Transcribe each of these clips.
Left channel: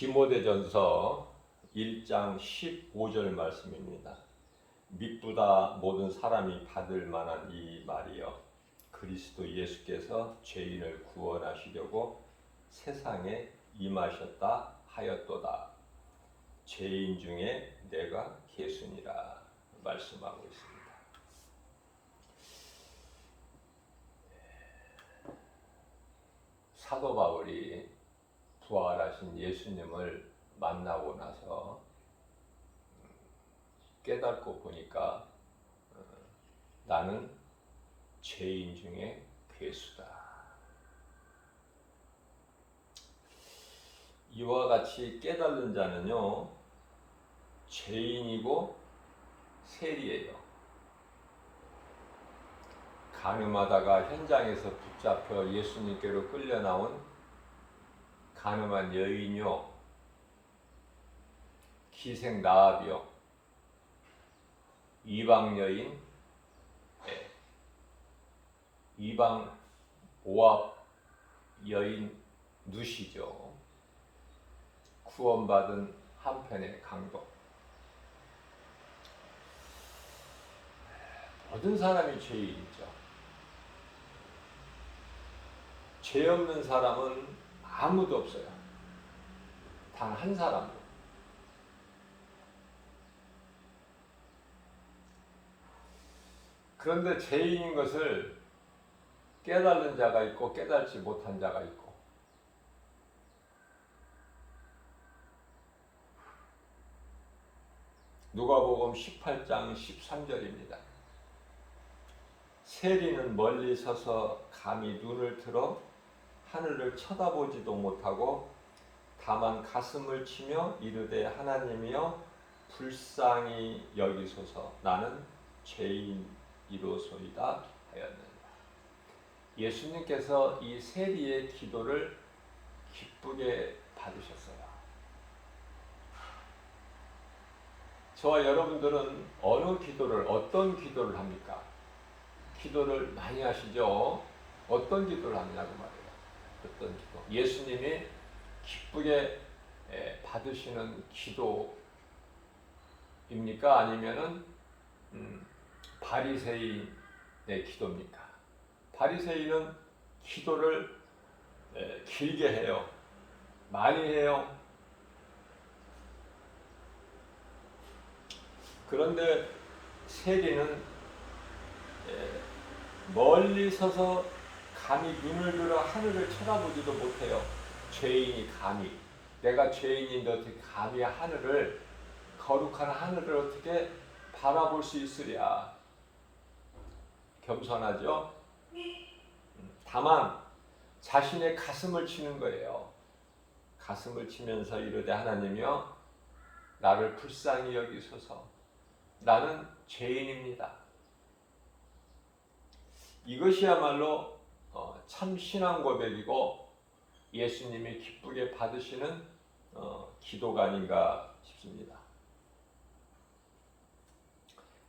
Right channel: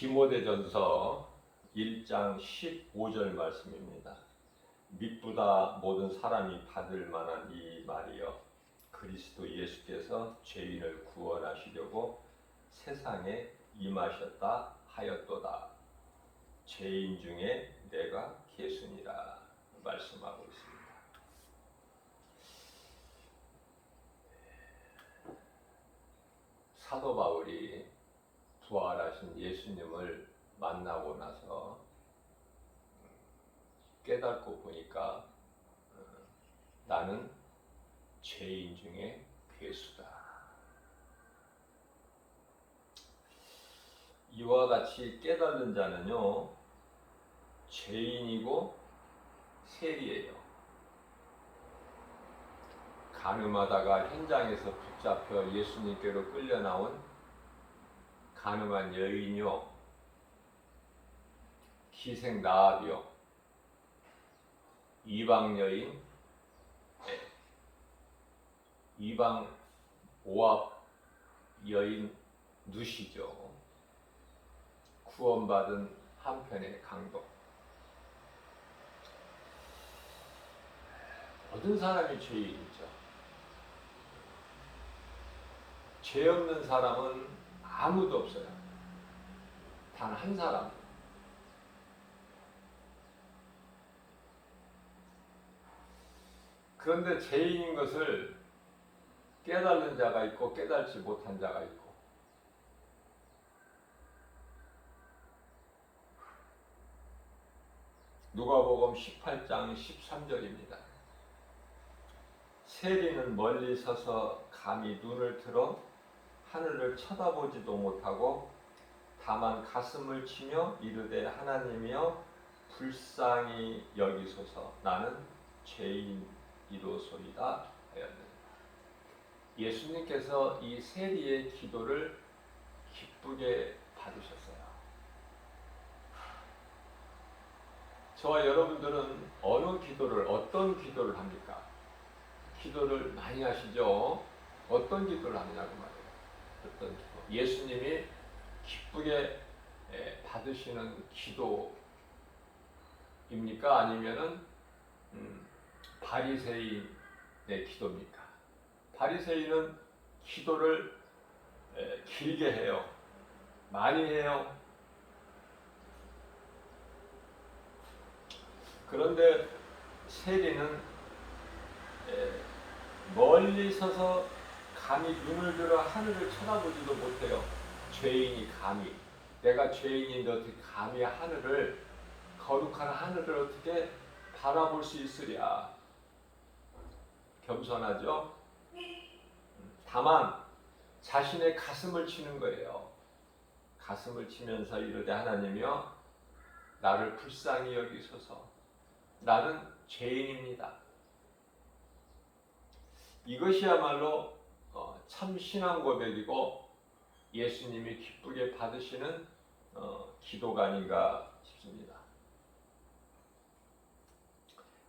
디모데전서 1장 15절 말씀입니다. 밑보다 모든 사람이 받을 만한 이 말이요, 그리스도 예수께서 죄인을 구원하시려고 세상에 임하셨다 하였도다. 죄인 중에 내가 계수니라 말씀하고 있습니다. 사도 바울이 부활하신 예수님을 만나고 나서 깨닫고 보니까 나는 죄인 중에 괴수다. 이와 같이 깨닫는 자는요, 죄인이고 세리예요. 간음하다가 현장에서 붙잡혀 예수님께로 끌려나온 간음한 여인이요, 기생 라합이요, 이방 여인, 이방 모압 여인 누시죠. 구원받은 한편의 강도. 모든 사람이 죄인이죠. 죄 없는 사람은 아무도 없어요. 단 한 사람. 그런데 죄인인 것을 깨달은 자가 있고 깨달지 못한 자가 있고, 누가복음 18장 13절입니다. 세리는 멀리 서서 감히 눈을 들어 하늘을 쳐다보지도 못하고 다만 가슴을 치며 이르되 하나님이여 불쌍히 여기소서, 나는 죄인이로소이다 하였느니라. 예수님께서 이 세리의 기도를 기쁘게 받으셨어요. 저와 여러분들은 어느 기도를, 어떤 기도를 합니까? 기도를 많이 하시죠? 어떤 기도를 하느냐고 말이에요. 어떤 기도. 예수님이 기쁘게 받으시는 기도입니까? 아니면은 바리새인의 기도입니까? 바리새인은 기도를 길게 해요. 많이 해요. 그런데 세리는 멀리 서서 감히 눈을 들어 하늘을 쳐다보지도 못해요. 죄인이 감히, 내가 죄인인데 어떻게 감히 하늘을, 거룩한 하늘을 어떻게 바라볼 수 있으랴. 겸손하죠? 다만 자신의 가슴을 치는 거예요. 가슴을 치면서 이르되 하나님이여 나를 불쌍히 여기소서, 나는 죄인입니다. 이것이야말로 참 신앙 고백이고 예수님이 기쁘게 받으시는 기도가 아닌가 싶습니다.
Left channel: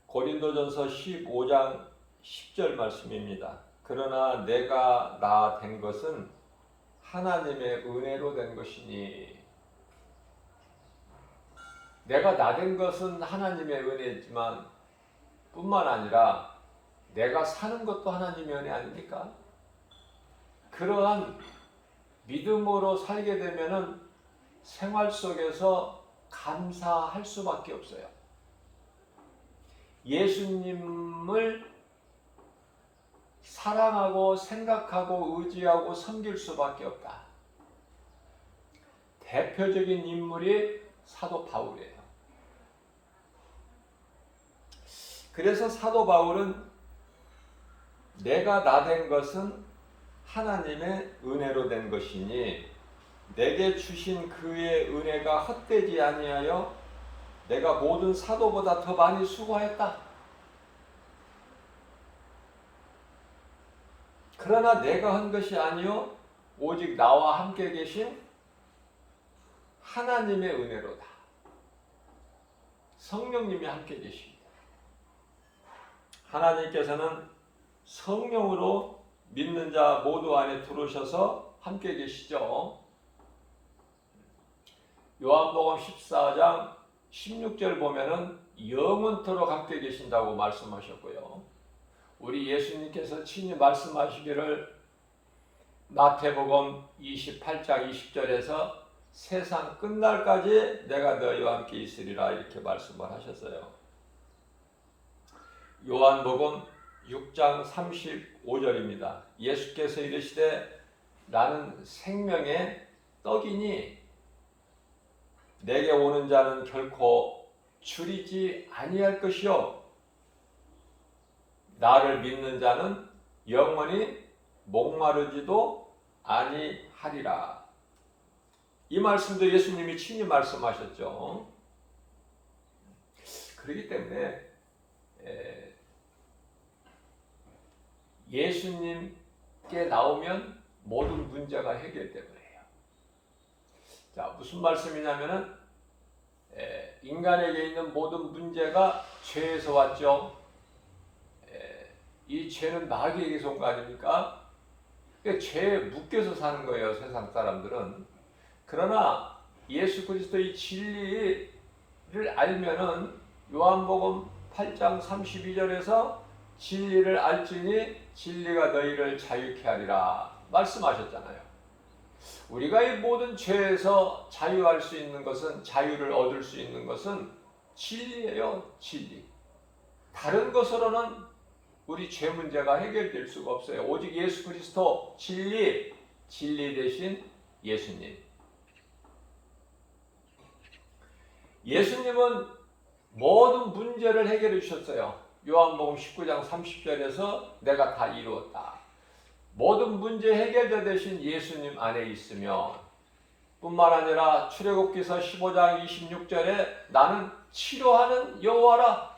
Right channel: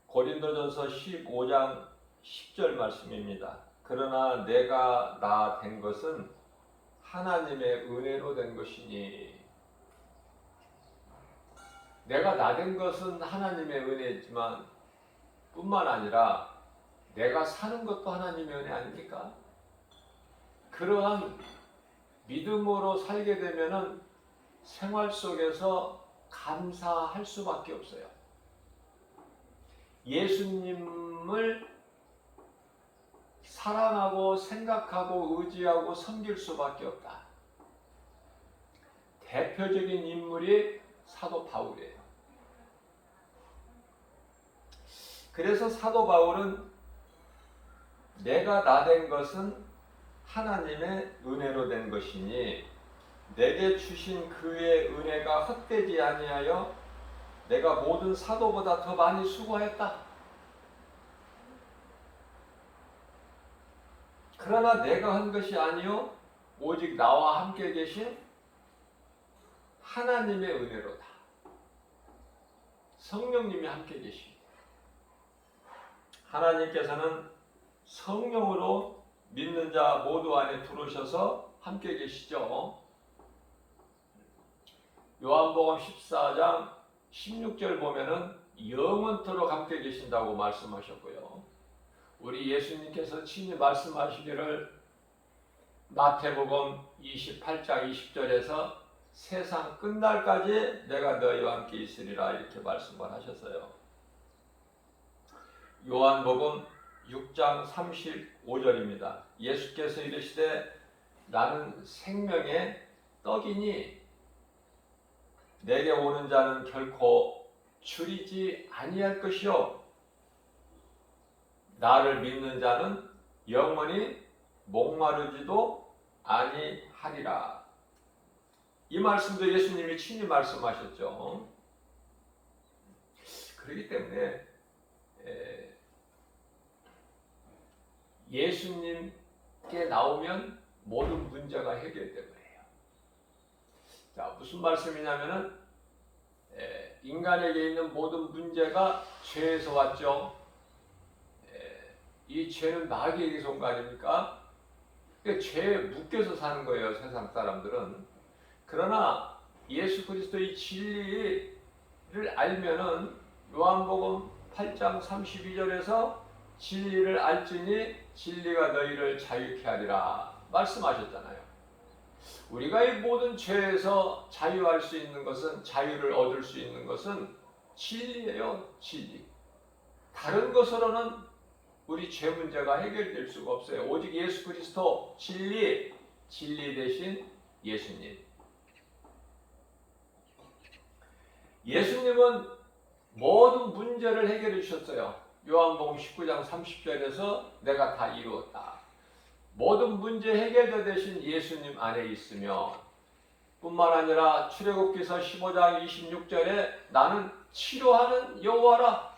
고린도전서 15장 10절 말씀입니다. 그러나 내가 나 된 것은 하나님의 은혜로 된 것이니. 내가 나 된 것은 하나님의 은혜지만 뿐만 아니라 내가 사는 것도 하나님의 은혜 아닙니까? 그러한 믿음으로 살게 되면은 생활 속에서 감사할 수밖에 없어요. 예수님을 사랑하고 생각하고 의지하고 섬길 수밖에 없다. 대표적인 인물이 사도 바울이에요. 그래서 사도 바울은 내가 나 된 것은 하나님의 은혜로 된 것이니 내게 주신 그의 은혜가 헛되지 아니하여 내가 모든 사도보다 더 많이 수고했다. 그러나 내가 한 것이 아니요 오직 나와 함께 계신 하나님의 은혜로다. 성령님이 함께 계십니다. 하나님께서는 성령으로 믿는 자 모두 안에 들어오셔서 함께 계시죠. 요한복음 14장 16절 보면은 영원토록 함께 계신다고 말씀하셨고요. 우리 예수님께서 친히 말씀하시기를 마태복음 28장 20절에서 세상 끝날까지 내가 너희와 함께 있으리라 이렇게 말씀을 하셨어요. 요한복음 6장 35절입니다. 예수께서 이르시되 나는 생명의 떡이니 내게 오는 자는 결코 줄이지 아니할 것이요 나를 믿는 자는 영원히 목마르지도 아니하리라. 이 말씀도 예수님이 친히 말씀하셨죠. 그렇기 때문에 예수님께 나오면 모든 문제가 해결되고 해요. 자, 무슨 말씀이냐면은 인간에게 있는 모든 문제가 죄에서 왔죠. 이 죄는 마귀에게서 온 거 아닙니까? 그러니까 죄에 묶여서 사는 거예요, 세상 사람들은. 그러나 예수 그리스도의 진리를 알면은 요한복음 8장 32절에서 진리를 알지니 진리가 너희를 자유케 하리라 말씀하셨잖아요. 우리가 이 모든 죄에서 자유할 수 있는 것은, 자유를 얻을 수 있는 것은 진리예요, 진리. 다른 것으로는 우리 죄 문제가 해결될 수가 없어요. 오직 예수 그리스도 진리, 진리 대신 예수님. 예수님은 모든 문제를 해결해 주셨어요. 요한복음 19장 30절에서 내가 다 이루었다. 모든 문제 해결자 되신 예수님 안에 있으며 뿐만 아니라 출애굽기서 15장 26절에 나는 치료하는 여호와라.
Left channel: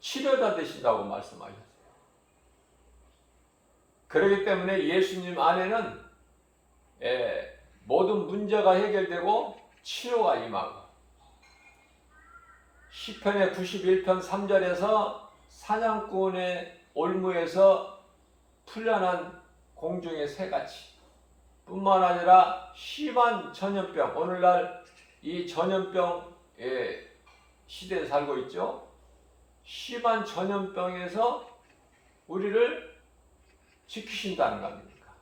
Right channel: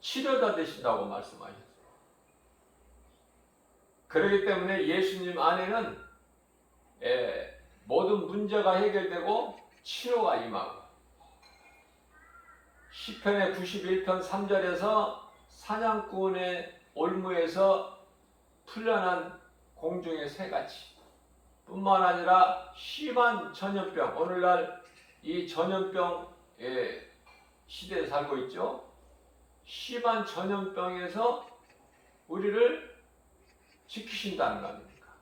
치료자 되신다고 말씀하셨어요. 그렇기 때문에 예수님 안에는 모든 문제가 해결되고 치료가 임하고 시편의 91편 3절에서 사냥꾼의 올무에서 풀려난 공중의 새같이 뿐만 아니라 심한 전염병, 오늘날 이 전염병의 시대에 살고 있죠. 심한 전염병에서 우리를 지키신다는 거 아닙니까?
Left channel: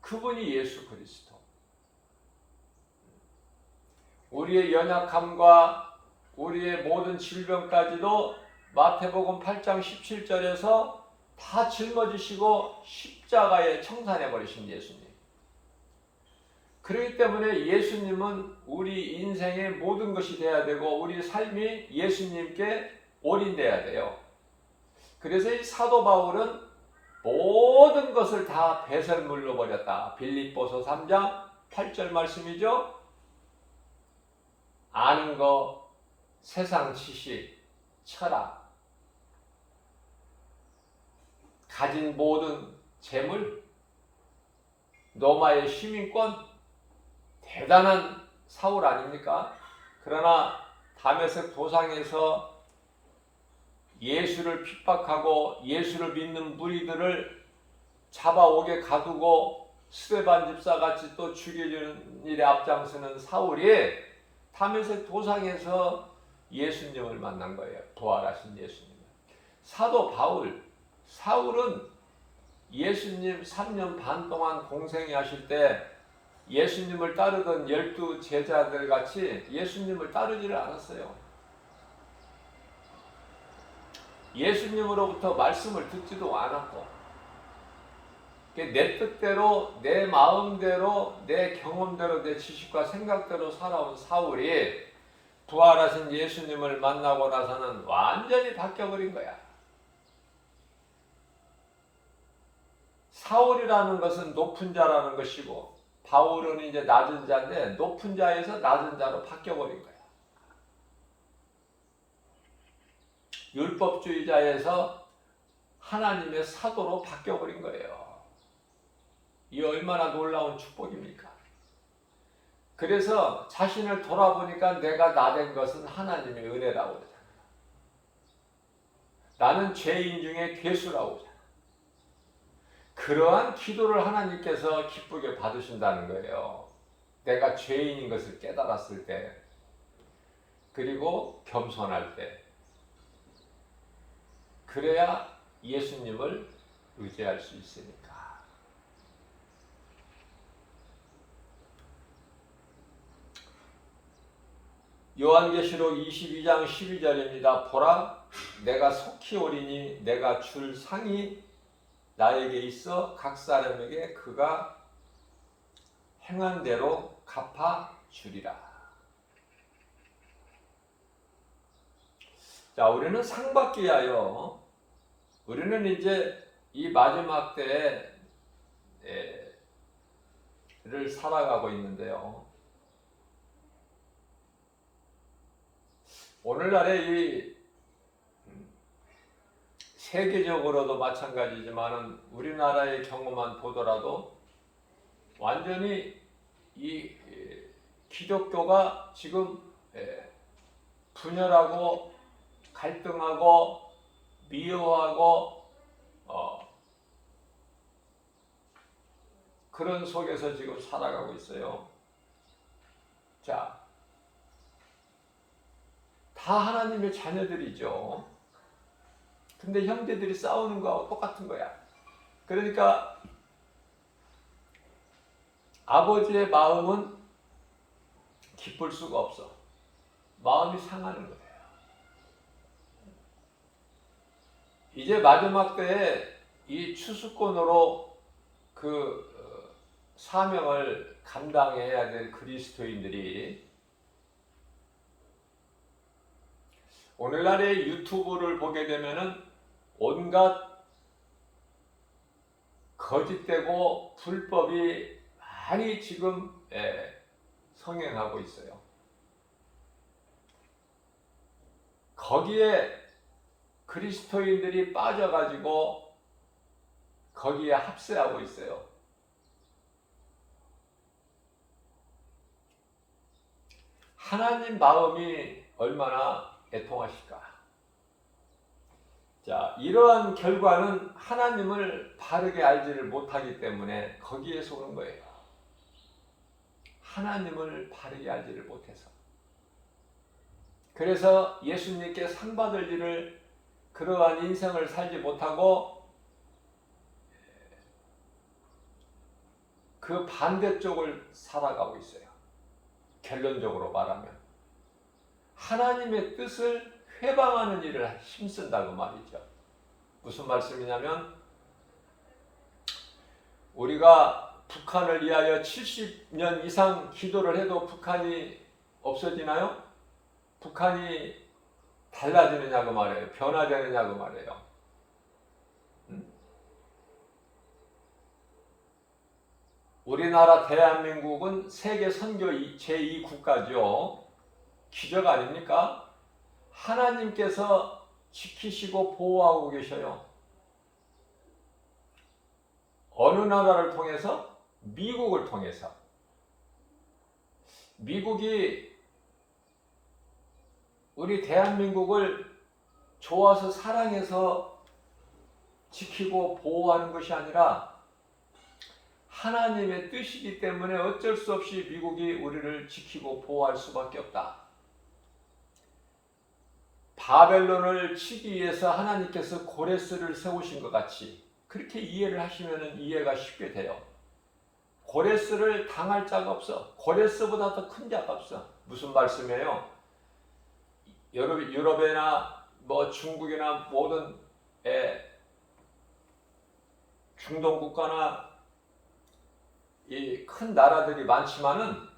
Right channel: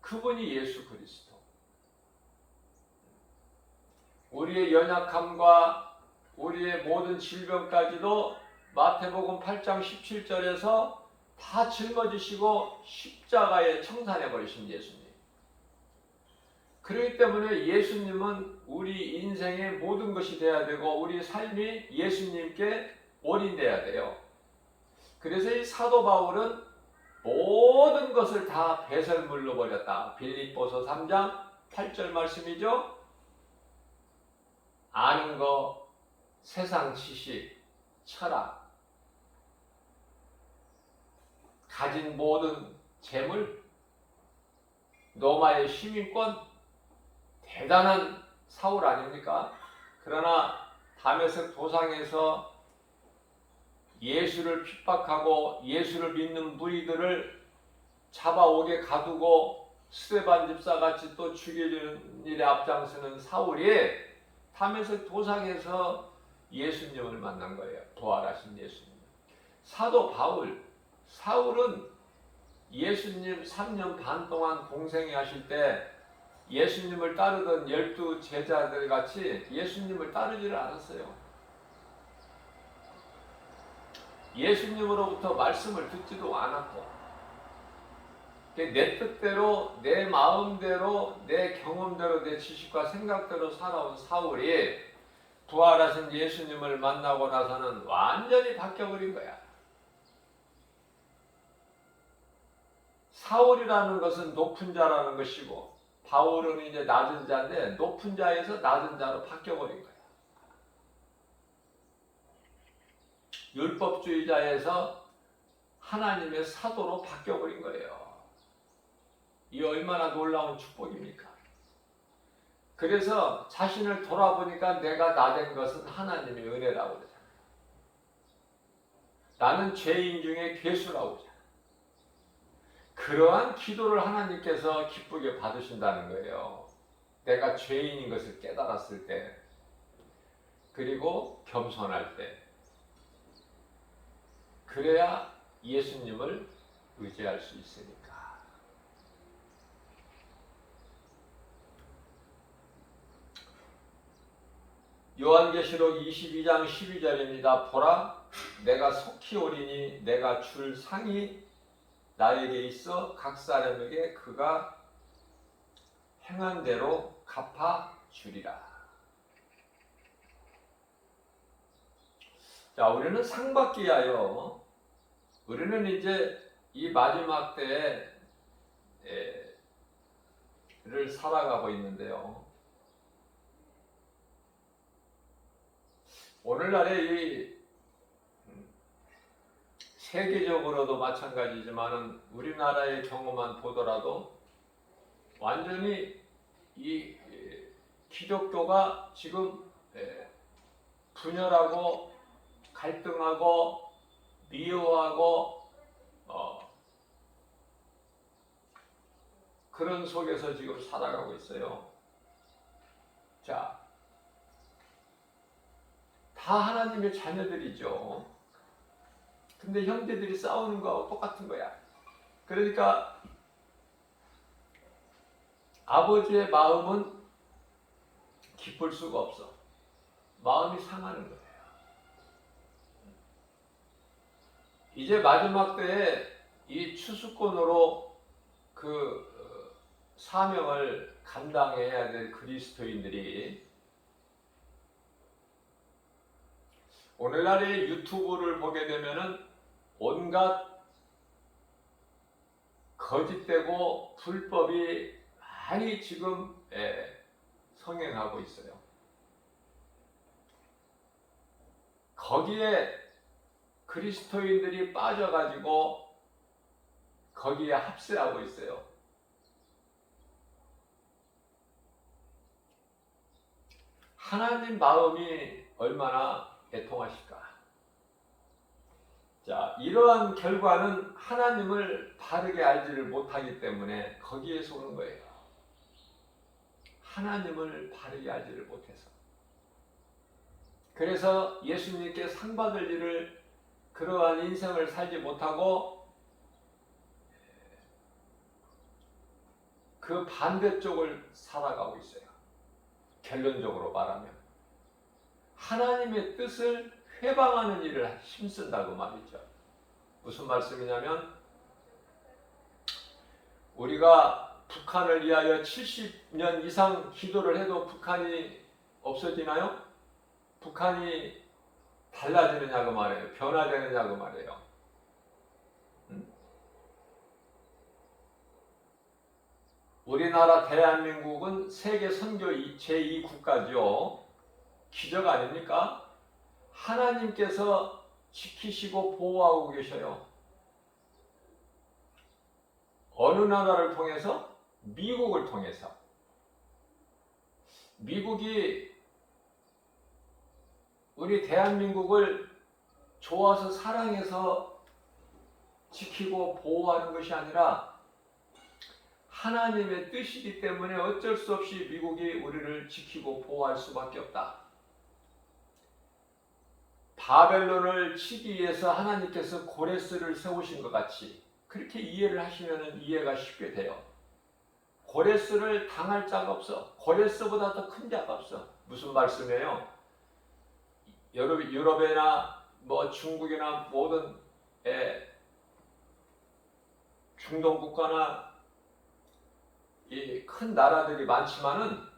그분이 예수 그리스도. 우리의 연약함과 우리의 모든 질병까지도 마태복음 8장 17절에서 다 짊어지시고 십자가에 청산해 버리신 예수님. 그렇기 때문에 예수님은 우리 인생의 모든 것이 되어야 되고 우리 삶이 예수님께 올인돼야 돼요. 그래서 이 사도 바울은 모든 것을 다 배설물로 버렸다. 빌립보서 3장 8절 말씀이죠. 아는 거, 세상 지식, 철학, 가진 모든 재물, 로마의 시민권, 대단한 사울 아닙니까? 그러나 다메섹 도상에서 예수를 핍박하고 예수를 믿는 무리들을 잡아오게 가두고 스데반 집사같이 또 죽이려는 일에 앞장서는 사울이 다메섹 도상에서 예수님을 만난 거예요. 부활하신 예수님. 사도 바울, 사울은 예수님 3년 반 동안 공생애 하실 때 예수님을 따르던 12 제자들 같이 예수님을 따르지를 않았어요. 예수님으로부터 말씀을 듣지도 않았고 내 뜻대로, 내 마음대로, 내 경험대로, 내 지식과 생각대로 살아온 사울이 부활하신 예수님을 만나고 나서는 완전히 바뀌어버린 거야. 사울이라는 것은 높은 자라는 것이고 바울은 이제 낮은 자인데 높은 자에서 낮은 자로 바뀌어버린 거야. 율법주의자에서 하나님의 사도로 바뀌어버린 거예요. 이 얼마나 놀라운 축복입니까? 그래서 자신을 돌아보니까 내가 나 된 것은 하나님의 은혜라고 그러잖아요. 나는 죄인 중에 괴수라고 그러잖아요. 그러한 기도를 하나님께서 기쁘게 받으신다는 거예요. 내가 죄인인 것을 깨달았을 때, 그리고 겸손할 때, 그래야 예수님을 의지할 수 있으니까. 요한계시록 22장 12절입니다. 보라, 내가 속히 오리니 내가 줄 상이 나에게 있어 각 사람에게 그가 행한 대로 갚아 주리라. 자, 우리는 상 받기 위하여, 우리는 이제 이 마지막 때를 살아가고 있는데요. 오늘날의 이 세계적으로도 마찬가지지만 우리나라의 경우만 보더라도 완전히 이 기독교가 지금 분열하고 갈등하고 미워하고 그런 속에서 지금 살아가고 있어요. 자, 다 하나님의 자녀들이죠. 근데 형제들이 싸우는 거하고 똑같은 거야. 그러니까 아버지의 마음은 기쁠 수가 없어. 마음이 상하는 거예요. 이제 마지막 때에 이 추수꾼으로 그 사명을 감당해야 될 그리스도인들이 오늘날의 유튜브를 보게 되면은 온갖 거짓되고 불법이 많이 지금 성행하고 있어요. 거기에 그리스도인들이 빠져가지고 거기에 합세하고 있어요. 하나님 마음이 얼마나 애통하실까? 자, 이러한 결과는 하나님을 바르게 알지를 못하기 때문에 거기에 속는 거예요. 하나님을 바르게 알지를 못해서. 그래서 예수님께 상 받을 일을, 그러한 인생을 살지 못하고 그 반대쪽을 살아가고 있어요. 결론적으로 말하면 하나님의 뜻을 회방하는 일을 힘쓴다고 말이죠. 무슨 말씀이냐면 우리가 북한을 위하여 70년 이상 기도를 해도 북한이 없어지나요? 북한이 달라지느냐고 말이에요. 변화되느냐고 말이에요. 우리나라 대한민국은 세계 선교 제2국가죠. 기적 아닙니까? 하나님께서 지키시고 보호하고 계셔요. 어느 나라를 통해서? 미국을 통해서. 미국이 우리 대한민국을 좋아서 사랑해서 지키고 보호하는 것이 아니라 하나님의 뜻이기 때문에 어쩔 수 없이 미국이 우리를 지키고 보호할 수밖에 없다. 바벨론을 치기 위해서 하나님께서 고레스를 세우신 것 같이 그렇게 이해를 하시면 이해가 쉽게 돼요. 고레스를 당할 자가 없어. 고레스보다 더 큰 자가 없어. 무슨 말씀이에요? 유럽이나 중국이나 모든 중동 국가나 이 큰 나라들이 많지만은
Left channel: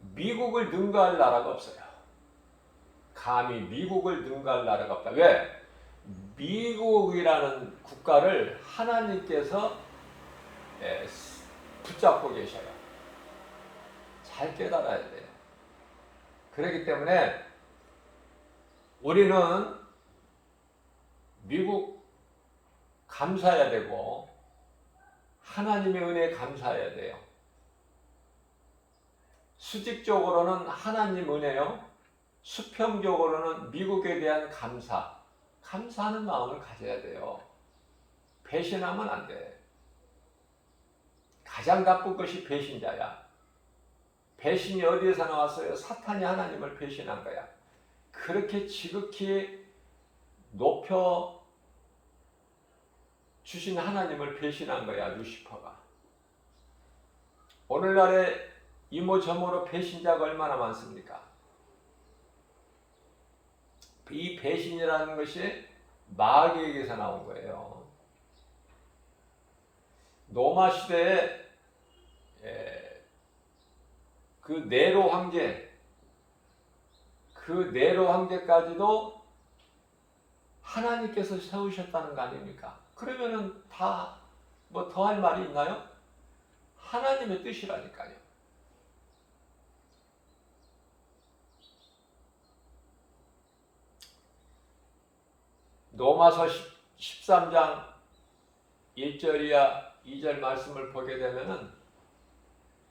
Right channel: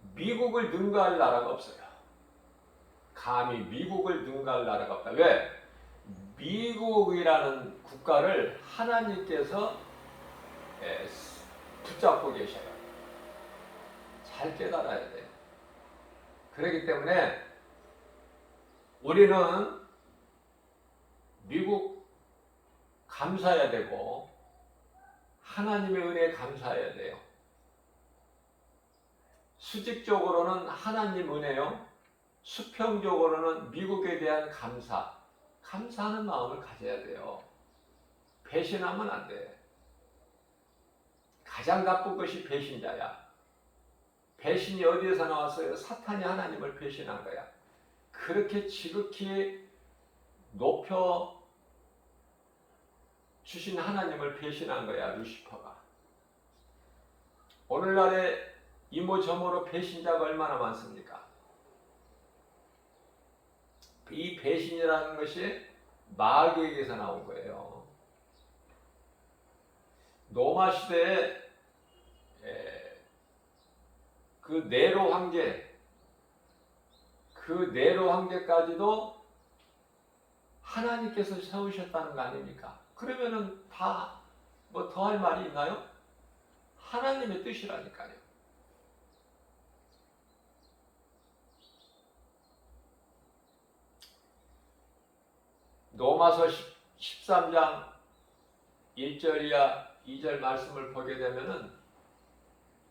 미국을 능가할 나라가 없어요. 감히 미국을 능가할 나라가 없다. 왜? 미국이라는 국가를 하나님께서 붙잡고 계셔요. 잘 깨달아야 돼. 그렇기 때문에 우리는 미국 감사해야 되고 하나님의 은혜에 감사해야 돼요. 수직적으로는 하나님 은혜요. 수평적으로는 미국에 대한 감사하는 마음을 가져야 돼요. 배신하면 안 돼. 가장 나쁜 것이 배신자야. 배신이 어디에서 나왔어요? 사탄이 하나님을 배신한 거야. 그렇게 지극히 높여 주신 하나님을 배신한 거야, 루시퍼가. 오늘날에 이모저모로 배신자가 얼마나 많습니까? 이 배신이라는 것이 마귀에게서 나온 거예요. 로마 시대에 그 네로 황제까지도 하나님께서 세우셨다는 거 아닙니까? 그러면은 다 뭐 더 할 말이 있나요? 하나님의 뜻이라니까요. 로마서 13장 1절이야 2절 말씀을 보게 되면은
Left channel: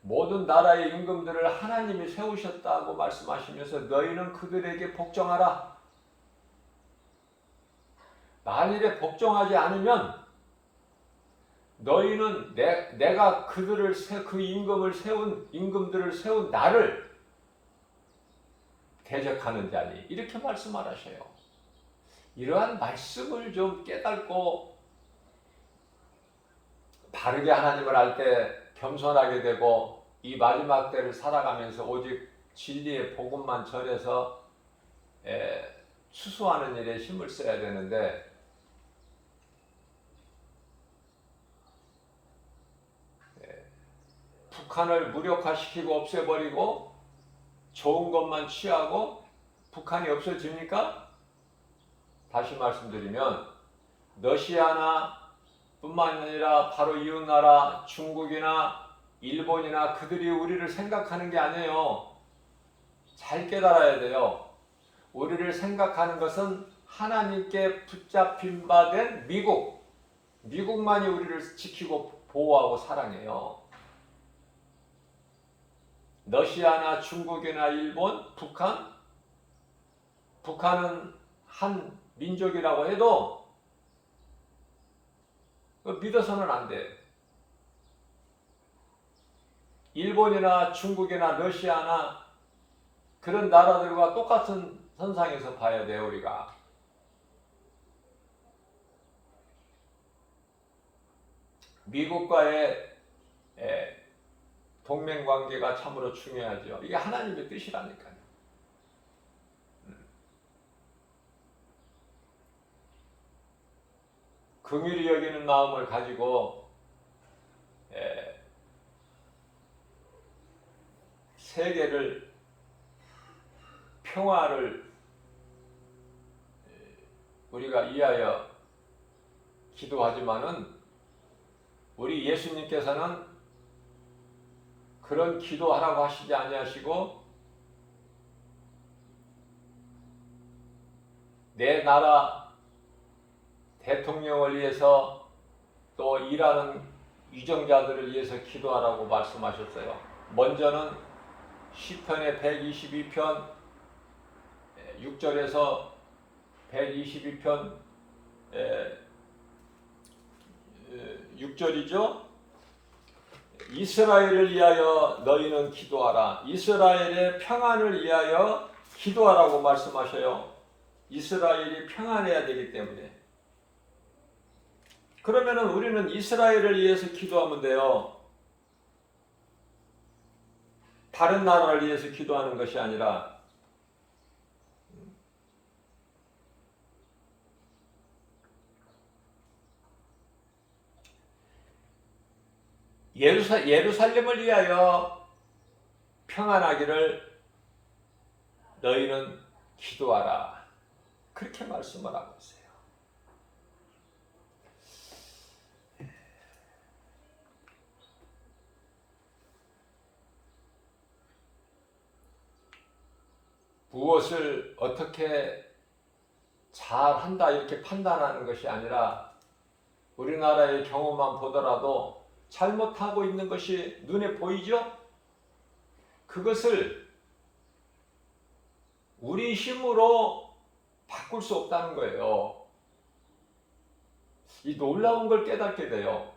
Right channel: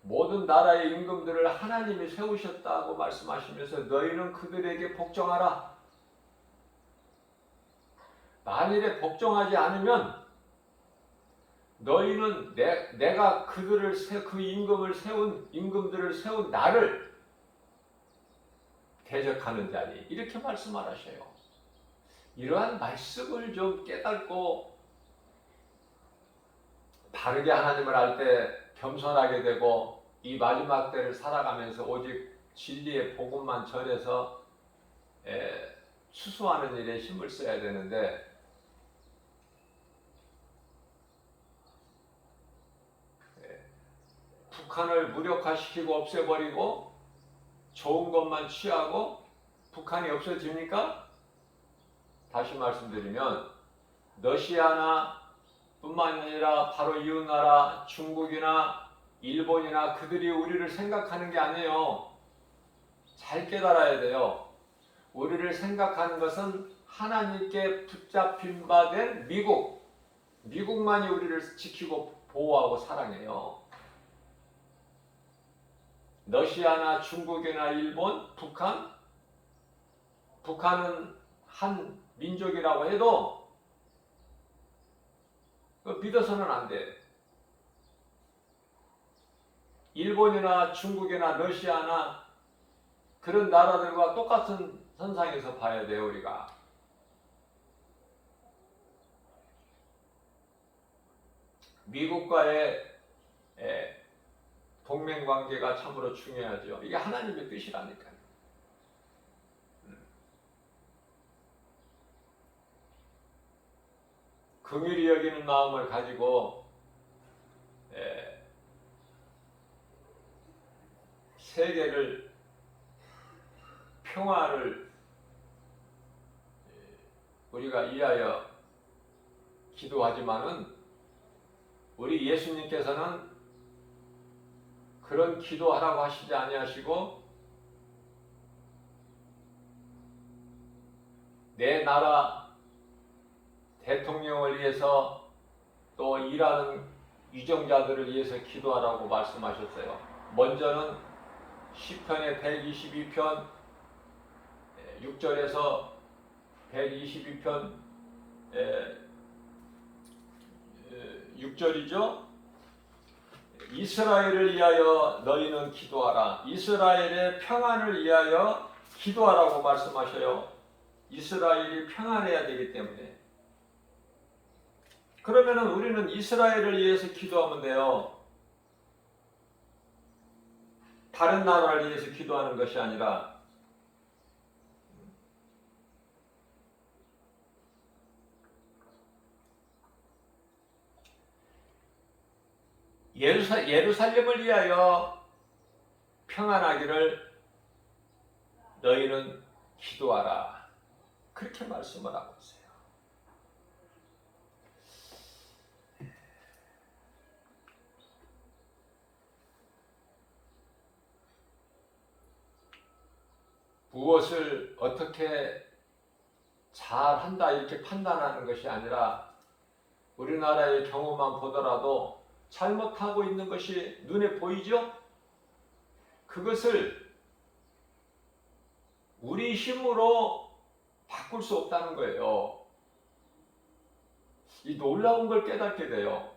모든 나라의 임금들을 하나님이 세우셨다고 말씀하시면서 너희는 그들에게 복종하라. 만일에 복종하지 않으면 너희는 내가 그 임금들을 세운 나를 대적하는 자니 이렇게 말씀하셔요. 이러한 말씀을 좀 깨닫고 바르게 하나님을 알 때 겸손하게 되고 이 마지막 때를 살아가면서 오직 진리의 복음만 전해서 추수하는 일에 힘을 써야 되는데 북한을 무력화시키고 없애버리고 좋은 것만 취하고 북한이 없어집니까? 다시 말씀드리면 러시아나 뿐만 아니라 바로 이웃나라 중국이나 일본이나 그들이 우리를 생각하는 게 아니에요. 잘 깨달아야 돼요. 우리를 생각하는 것은 하나님께 붙잡힌 바 된 미국만이 우리를 지키고 보호하고 사랑해요. 러시아나 중국이나 일본, 북한은 한 민족이라고 해도 믿어서는 안 돼. 일본이나 중국이나 러시아나 그런 나라들과 똑같은 선상에서 봐야 돼요, 우리가. 미국과의 동맹관계가 참으로 중요하죠. 이게 하나님의 뜻이라니까요. 긍휼히 여기는 마음을 가지고 세계를 평화를 우리가 위하여 기도하지만은 우리 예수님께서는 그런 기도하라고 하시지 아니하시고 내 나라 대통령을 위해서 또 일하는 유정자들을 위해서 기도하라고 말씀하셨어요. 먼저는 시편의 122편 6절에서 122편 6절이죠. 이스라엘을 위하여 너희는 기도하라. 이스라엘의 평안을 위하여 기도하라고 말씀하셔요. 이스라엘이 평안해야 되기 때문에. 그러면은 우리는 이스라엘을 위해서 기도하면 돼요. 다른 나라를 위해서 기도하는 것이 아니라 예루살렘을 위하여 평안하기를 너희는 기도하라. 그렇게 말씀을 하고 있어요. 무엇을 어떻게 잘한다 이렇게 판단하는 것이 아니라 우리나라의 경우만 보더라도 잘못하고 있는 것이 눈에 보이죠? 그것을 우리 힘으로 바꿀 수 없다는 거예요. 이 놀라운 걸 깨닫게 돼요.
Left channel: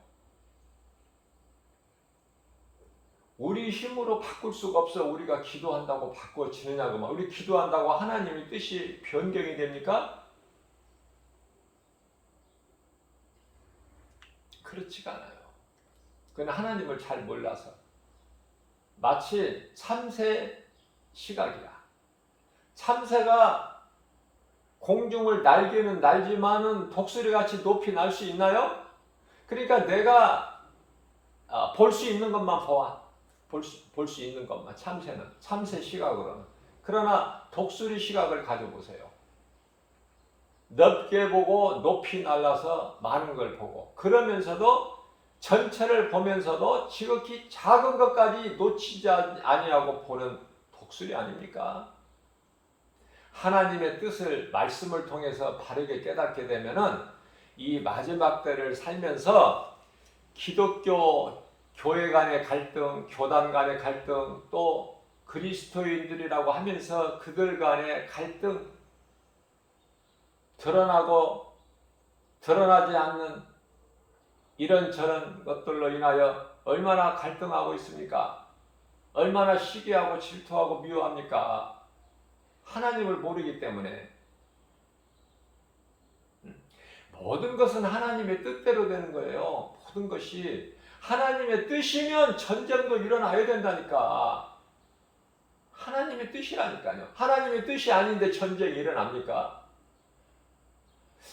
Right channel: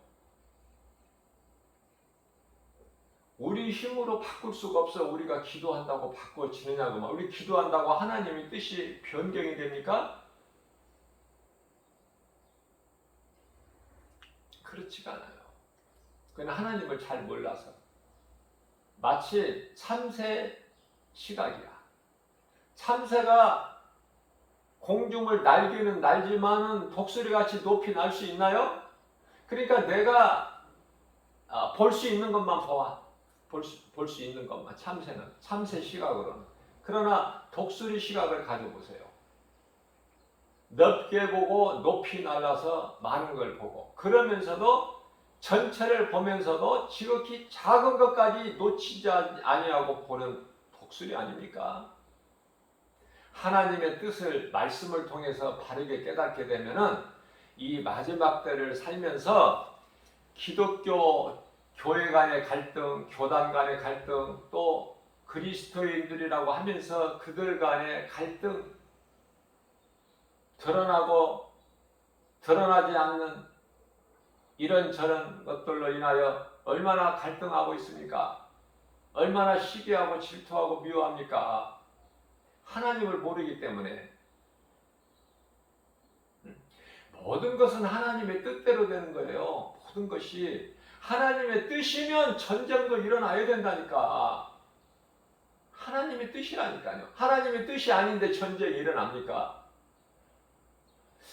우리 힘으로 바꿀 수가 없어. 우리가 기도한다고 바꿔지느냐고. 우리 기도한다고 하나님의 뜻이 변경이 됩니까? 그렇지가 않아요. 그건 하나님을 잘 몰라서. 마치 참새 시각이야. 참새가 공중을 날개는 날지만은 독수리같이 높이 날 수 있나요? 그러니까 내가 볼 수 있는 것만 보아. 볼 수 있는 것만. 참새 시각으로는. 그러나 독수리 시각을 가져보세요. 넓게 보고 높이 날아서 많은 걸 보고, 그러면서도 전체를 보면서도 지극히 작은 것까지 놓치지 아니하고 보는 독수리 아닙니까? 하나님의 뜻을 말씀을 통해서 바르게 깨닫게 되면은 이 마지막 때를 살면서 기독교 교회 간의 갈등, 교단 간의 갈등, 또 그리스도인들이라고 하면서 그들 간의 갈등, 드러나고 드러나지 않는 이런저런 것들로 인하여 얼마나 갈등하고 있습니까? 얼마나 시기하고 질투하고 미워합니까? 하나님을 모르기 때문에. 모든 것은 하나님의 뜻대로 되는 거예요. 모든 것이 하나님의 뜻이면 전쟁도 일어나야 된다니까. 하나님의 뜻이라니까요. 하나님의 뜻이 아닌데 전쟁이 일어납니까?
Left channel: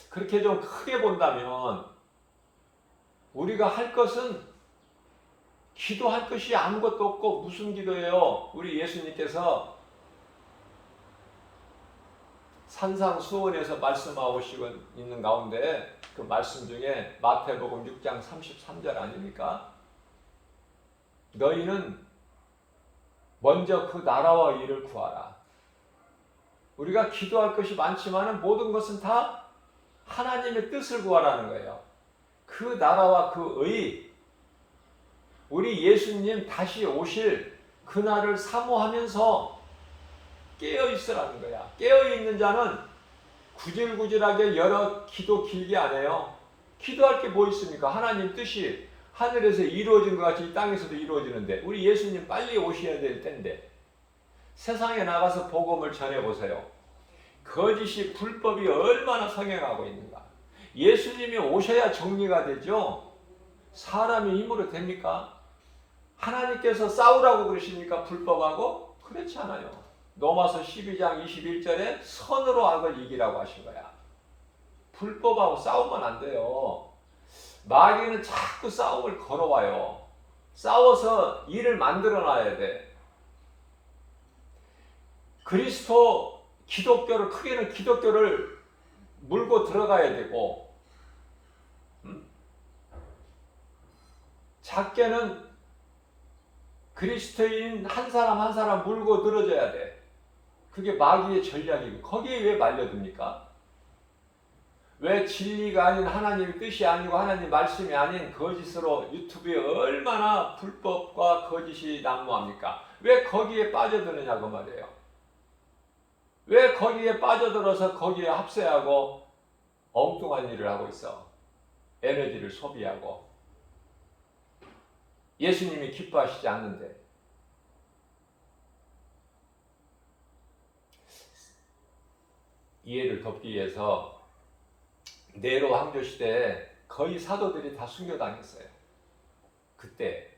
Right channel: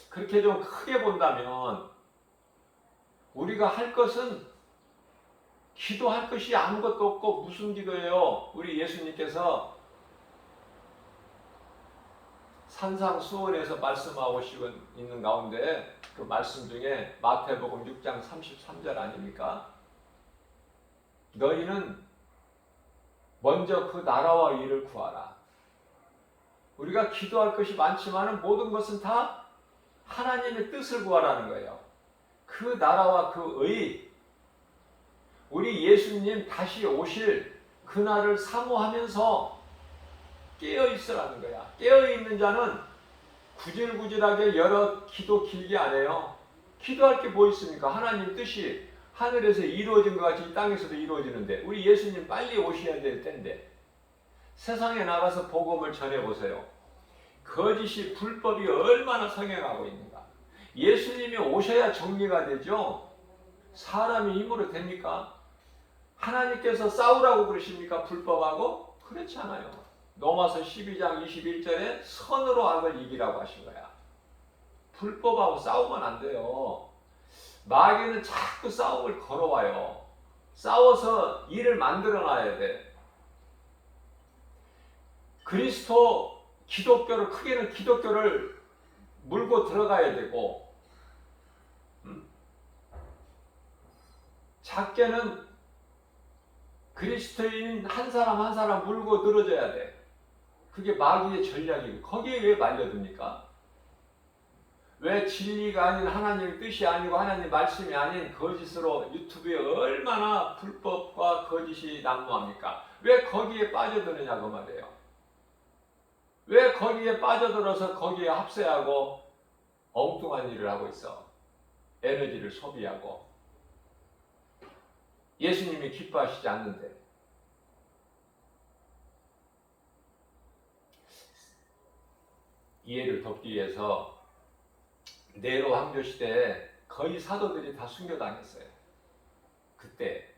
그렇게 좀 크게 본다면 우리가 할 것은 기도할 것이 아무것도 없고, 무슨 기도예요? 우리 예수님께서 산상수훈에서 말씀하고 있는 가운데 그 말씀 중에 마태복음 6장 33절 아닙니까? 너희는 먼저 그 나라와 일을 구하라. 우리가 기도할 것이 많지만 모든 것은 다 하나님의 뜻을 구하라는 거예요. 그 나라와 그 의, 우리 예수님 다시 오실 그날을 사모하면서 깨어 있으라는 거야. 깨어 있는 자는 구질구질하게 여러 기도 길게 안 해요. 기도할 게 뭐 있습니까? 하나님 뜻이 하늘에서 이루어진 것 같이 땅에서도 이루어지는데, 우리 예수님 빨리 오셔야 될 텐데 세상에 나가서 복음을 전해보세요. 거짓이, 불법이 얼마나 성행하고 있는가. 예수님이 오셔야 정리가 되죠. 사람의 힘으로 됩니까? 하나님께서 싸우라고 그러십니까? 불법하고? 그렇지 않아요. 로마서 12장 21절에 선으로 악을 이기라고 하신 거야. 불법하고 싸우면 안 돼요. 마귀는 자꾸 싸움을 걸어와요. 싸워서 일을 만들어 놔야 돼. 기독교를, 크게는 기독교를 물고 들어가야 되고, 작게는 그리스도인 한 사람 한 사람 물고 늘어져야 돼. 그게 마귀의 전략이고, 거기에 왜 말려듭니까? 왜 진리가 아닌 하나님의 뜻이 아니고 하나님 말씀이 아닌 거짓으로 유튜브에 얼마나 불법과 거짓이 난무합니까? 왜 거기에 빠져드느냐고 말이에요. 왜 거기에 빠져들어서 거기에 합세하고 엉뚱한 일을 하고 있어. 에너지를 소비하고. 예수님이 기뻐하시지 않는데. 이해를 돕기 위해서 네로 황조 시대에 거의 사도들이 다 순교당했어요. 그때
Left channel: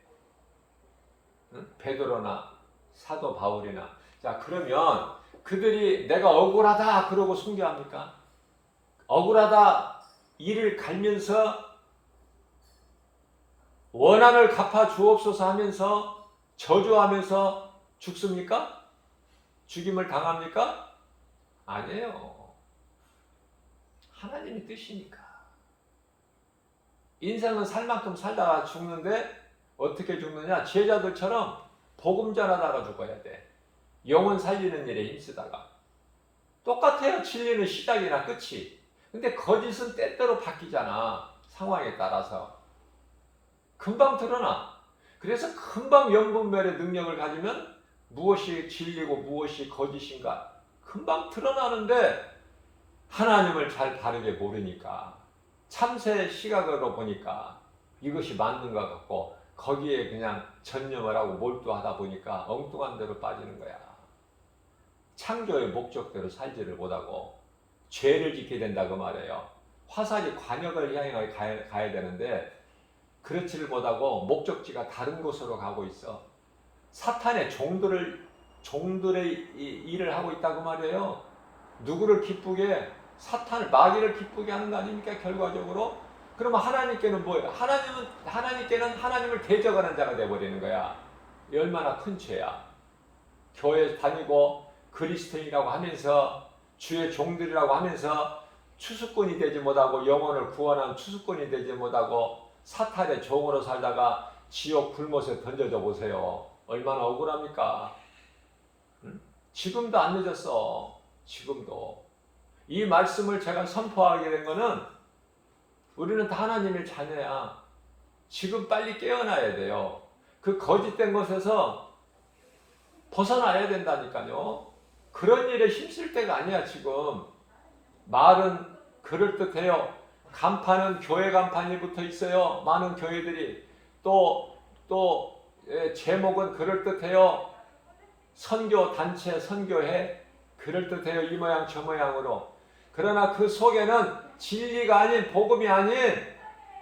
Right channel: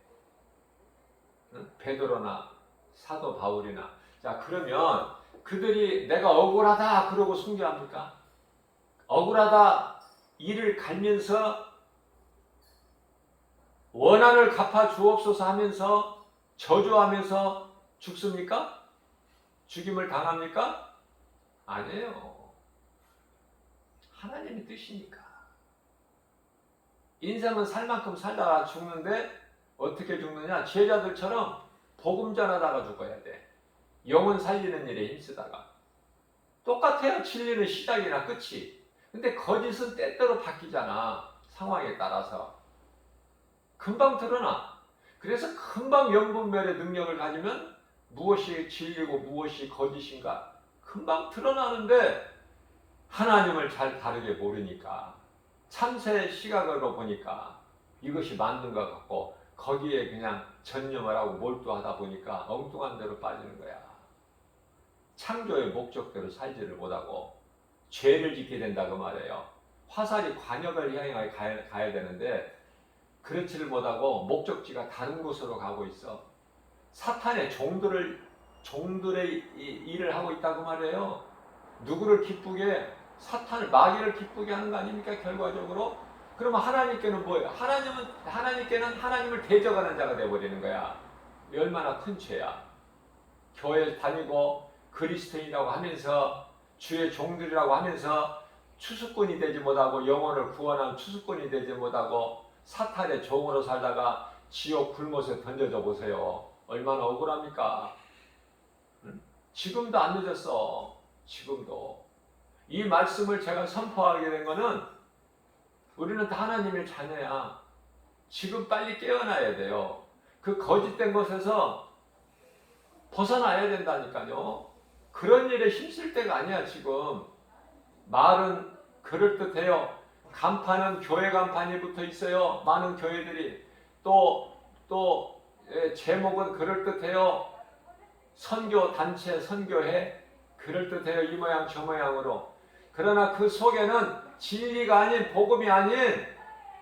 베드로나 사도 바울이나. 자, 그러면 그들이 내가 억울하다 그러고 순교합니까? 억울하다 이를 갈면서 원한을 갚아 주옵소서 하면서 저주하면서 죽습니까? 죽임을 당합니까? 아니에요. 하나님의 뜻이니까. 인생은 살 만큼 살다가 죽는데 어떻게 죽느냐? 제자들처럼 복음 전하다가 죽어야 돼. 영혼 살리는 일에 힘쓰다가. 똑같아요. 진리는 시작이나 끝이. 근데 거짓은 때때로 바뀌잖아. 상황에 따라서. 금방 드러나. 그래서 금방 영분별의 능력을 가지면 무엇이 진리고 무엇이 거짓인가 금방 드러나는데, 하나님을 잘 바르게 모르니까, 참새 시각으로 보니까 이것이 맞는 것 같고 거기에 그냥 전념을 하고 몰두하다 보니까 엉뚱한 데로 빠지는 거야. 창조의 목적대로 살지를 못하고 죄를 짓게 된다 그 말이에요. 화살이 관역을 향해 가야 되는데 그렇지를 못하고 목적지가 다른 곳으로 가고 있어. 사탄의 종들의 일을 하고 있다고 말이에요. 누구를 기쁘게, 사탄을, 마귀를 기쁘게 하는 거 아닙니까 결과적으로? 그러면 하나님께는 뭐예요? 하나님께는 하나님을 대적하는 자가 되어버리는 거야. 얼마나 큰 죄야. 교회 다니고 그리스도인이라고 하면서 주의 종들이라고 하면서 추수꾼이 되지 못하고 영혼을 구원한 추수꾼이 되지 못하고 사탄의 종으로 살다가 지옥 불못에 던져져 보세요. 얼마나 억울합니까? 응? 지금도 안 늦었어. 지금도. 이 말씀을 제가 선포하게 된 거는 우리는 다 하나님의 자녀야. 지금 빨리 깨어나야 돼요. 그 거짓된 것에서 벗어나야 된다니까요. 그런 일에 힘쓸 때가 아니야 지금. 말은 그럴듯해요. 간판은 교회 간판이 붙어 있어요. 많은 교회들이. 또 제목은 그럴듯해요. 선교 단체 선교회 그럴듯해요. 이 모양 저 모양으로. 그러나 그 속에는 진리가 아닌, 복음이 아닌,